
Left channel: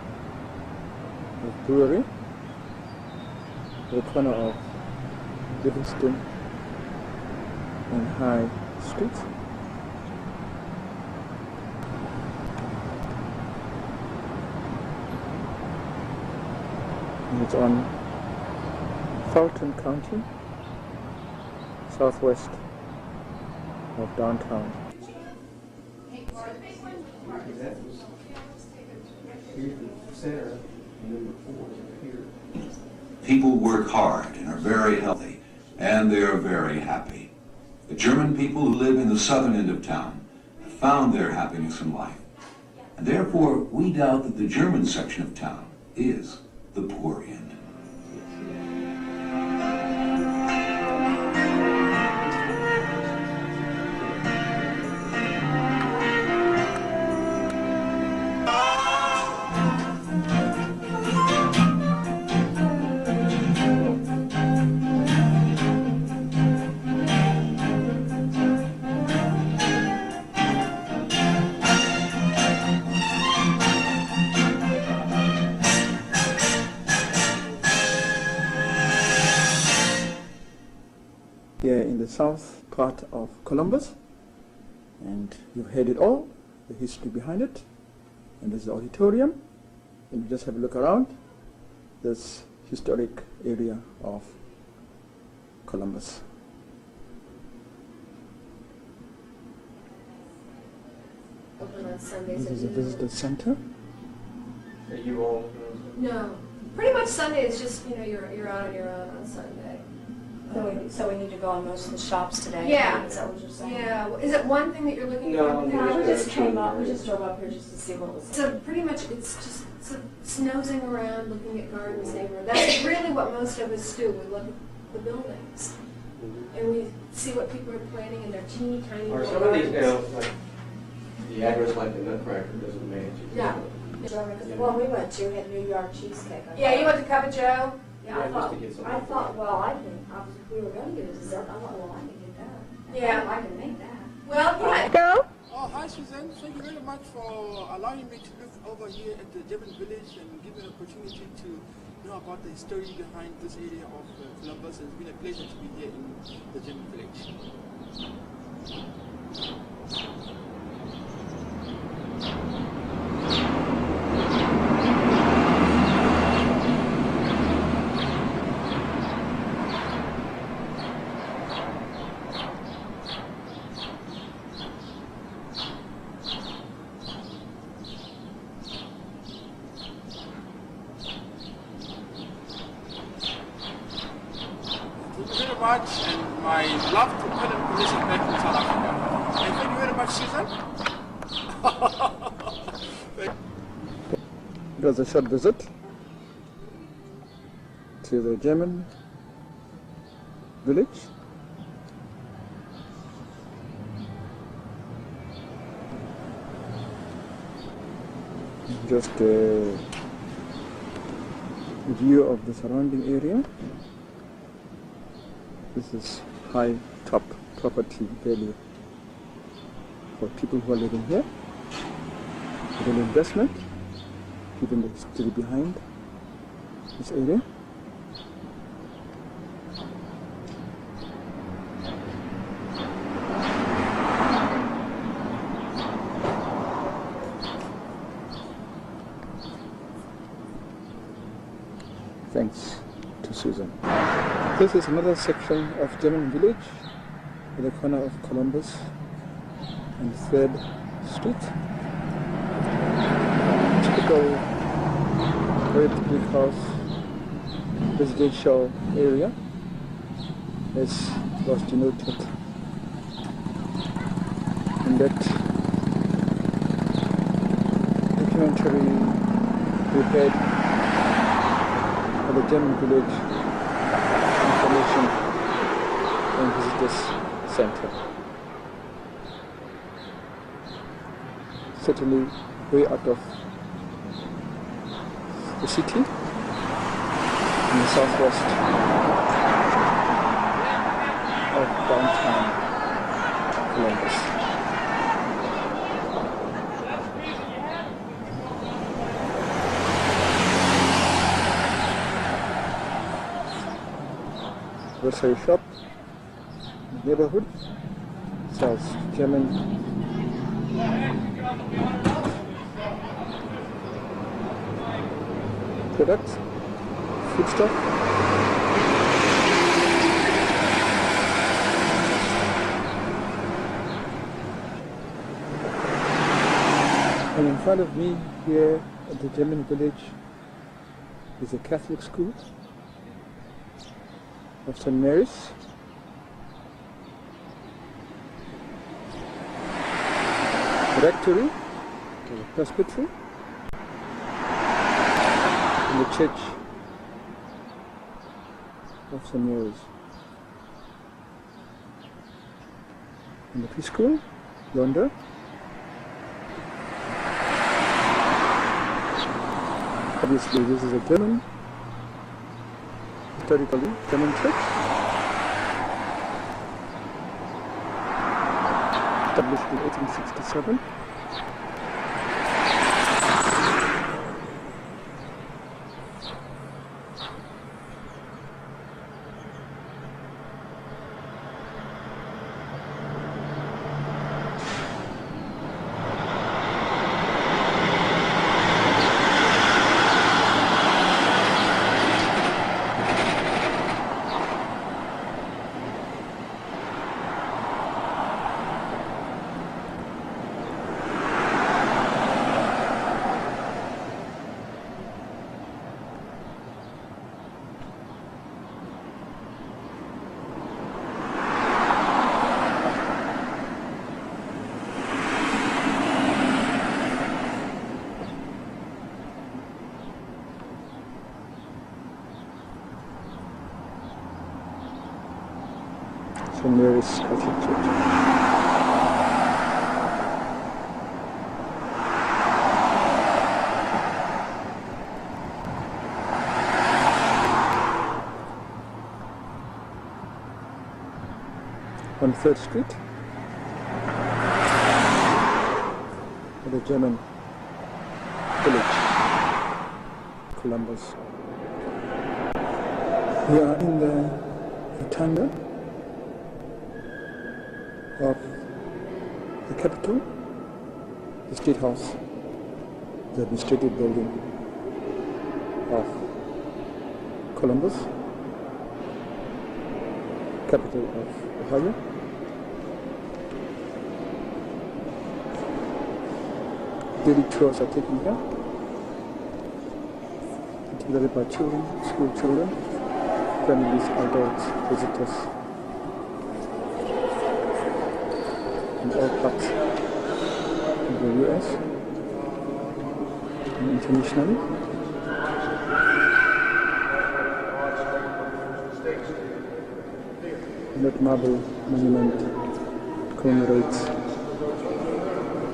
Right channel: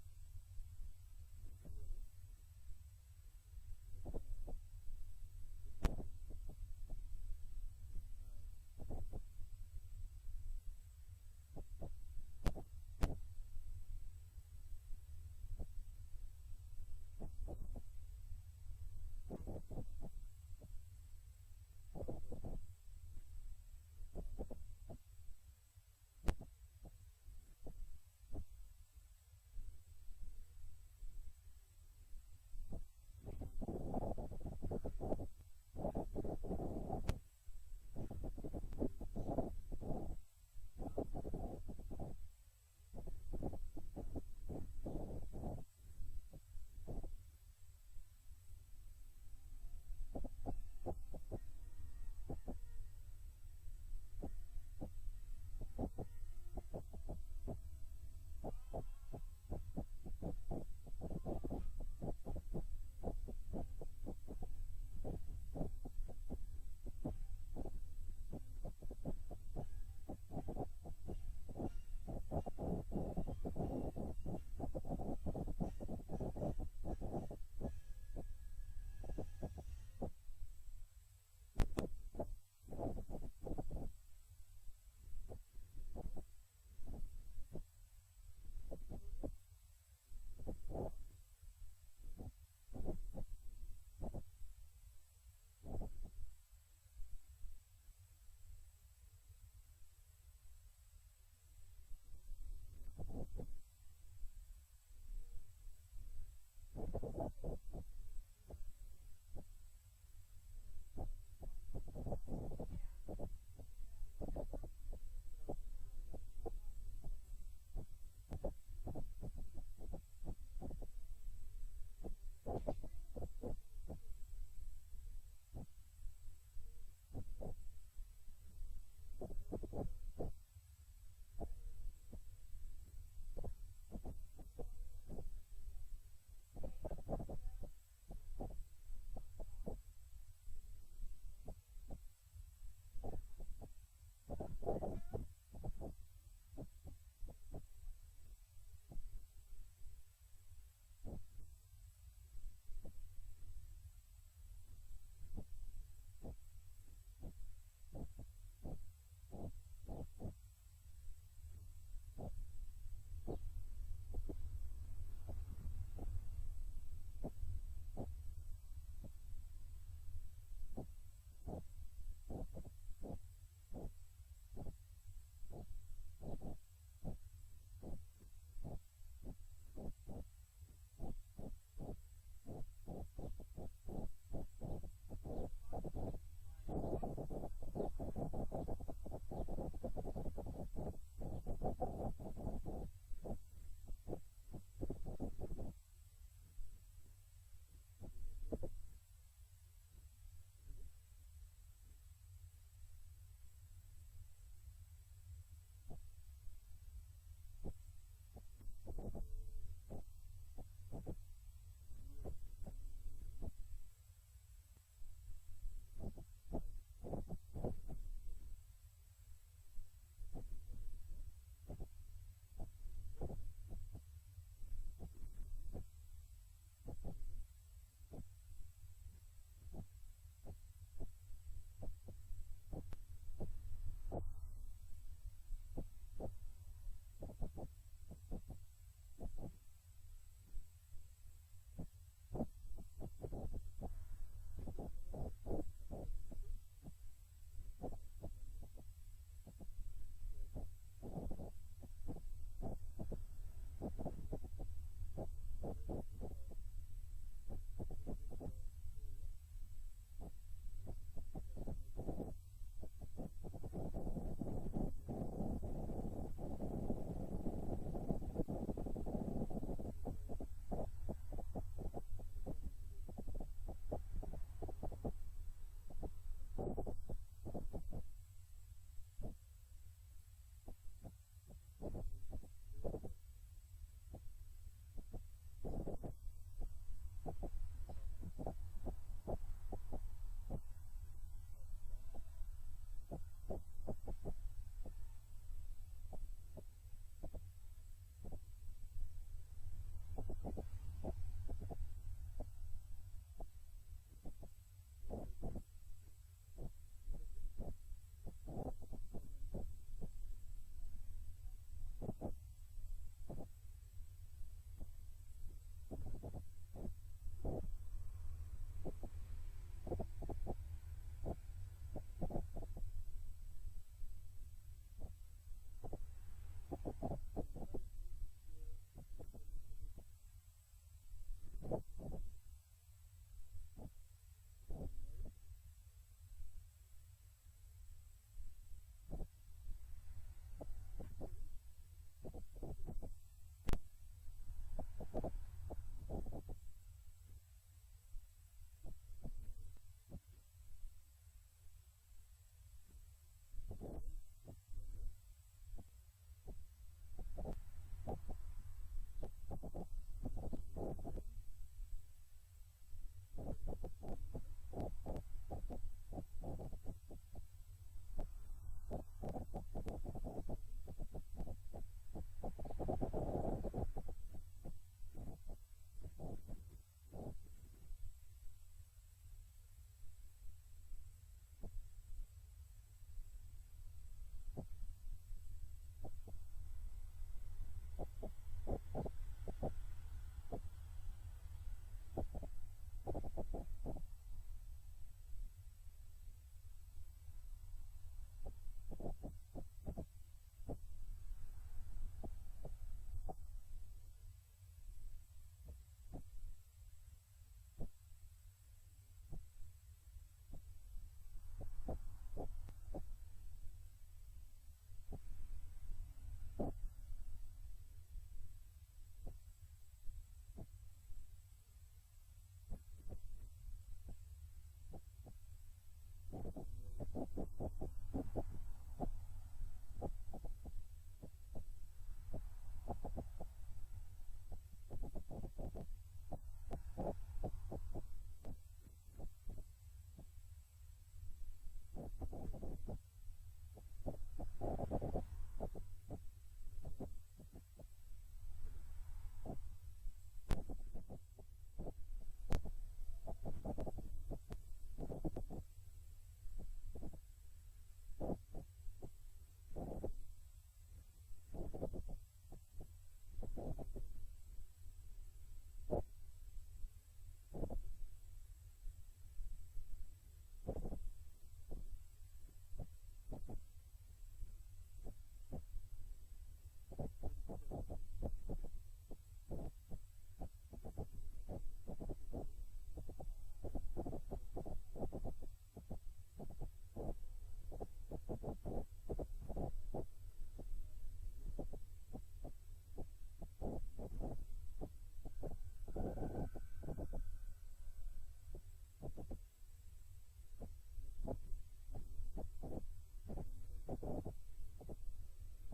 of Brewery, the corner of Livingston and High Street. And it's on Fulton County, southwest of downtown. People work hard and are very healthy, and they are very happy. The German people who live in the southern end of town have found their happiness in life, and therefore we doubt that the German section of town is the poor end. Here in the south part of Columbus, and you've heard it all, the history behind it, and there's the auditorium, and you just have a look around this historic area of Columbus. Open on Sundays. This is a visitor center. Are you all? No, pretty much Sunday is just, you know, you're out on your own on Sunday. So we need to go on most of the shops today? Yeah. Is that what you're saying? Yeah. Is it one thing that you're looking No, for? No, we just came up, we just drove up here just to see what was. So pretty much it's nosing around, looking at gardens, neighborhood. That's really what most of us do. We look at the buildings and we see what people are planting in their teeny tiny Are little some of these gardens. now, like, the address like the Nutcracker doesn't match? Yeah. Yeah. Well, we went to, had New York cheesecake. Yeah, you went to Cup of Joe? Yeah, just to get some. I thought, well, if we were gonna get a dessert, I thought, well, I can get that. Yeah. I can make that. Well, yeah. Oh, hi Susan. Thank you very much for allowing me to look over here at the German village and give me an opportunity to know about the history behind this area of Columbus. It's been a pleasure to be here in the German village. Much and my love to Plenary Commission back in South Africa. And thank you very much, Susan. It was a short visit to the German village. Just a view of the surrounding area. This is high top property value for people who are living here. With an investment, given the history behind this area. Thanks to Susan. This is another section of German village at the corner of Columbus and 3rd Street. Typical red brick house residential area, as was denoted in that documentary we had for the German village information and visitors center. Certainly way out of the city in the southwest of downtown Columbus. grocery shop in the neighborhood, sells German products, foodstuff. And in front of me here at the German village is a Catholic school of St. Mary's. Rectory, the presbytery, and the church of St. Mary's. And the preschool, yonder. Obviously this is a German, historically German church, established in 1867. St. Mary's Catholic Church. On 3rd Street, the German village, Columbus. We are in the rotunda of the capital, the State House, the administrative building of Columbus, capital of Ohio. Daily tours are taken here, particularly by children, school children, families, adults, visitors, in all parts of the US and internationally. And that marble monument commemorates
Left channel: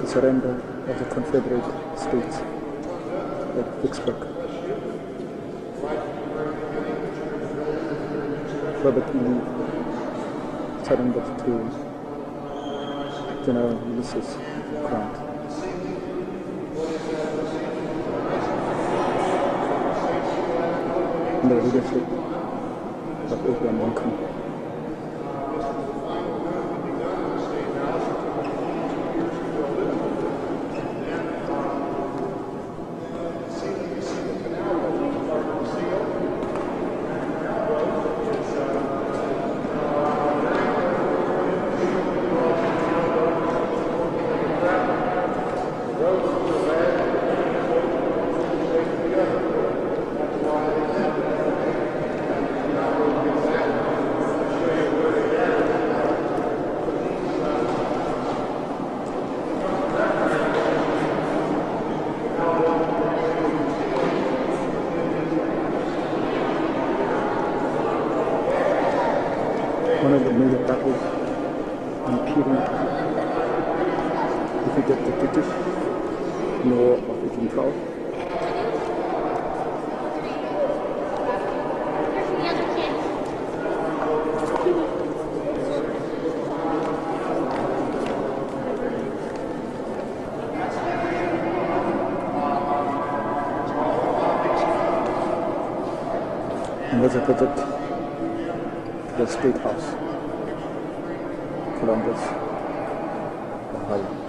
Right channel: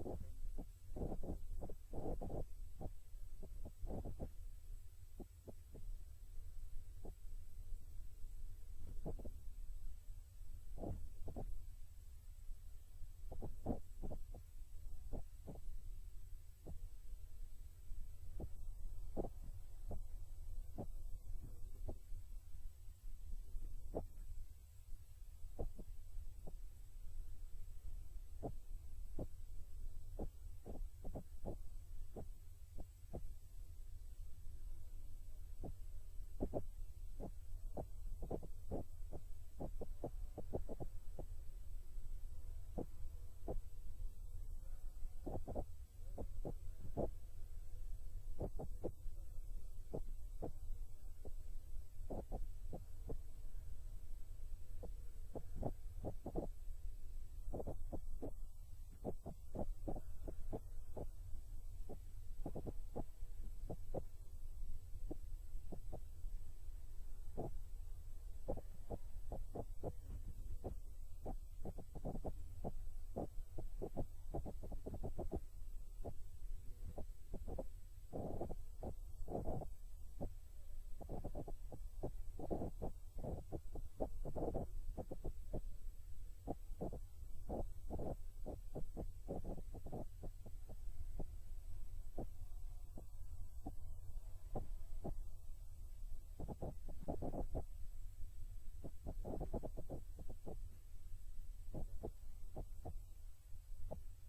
the surrender of the Confederate States at Vicksburg. Robert E. Lee surrendered to General Ulysses Grant. Under the leadership of Abraham Lincoln. One of the major battles impeding defeated the British in the War of 1812. And there's a project the State House, Columbus, Ohio.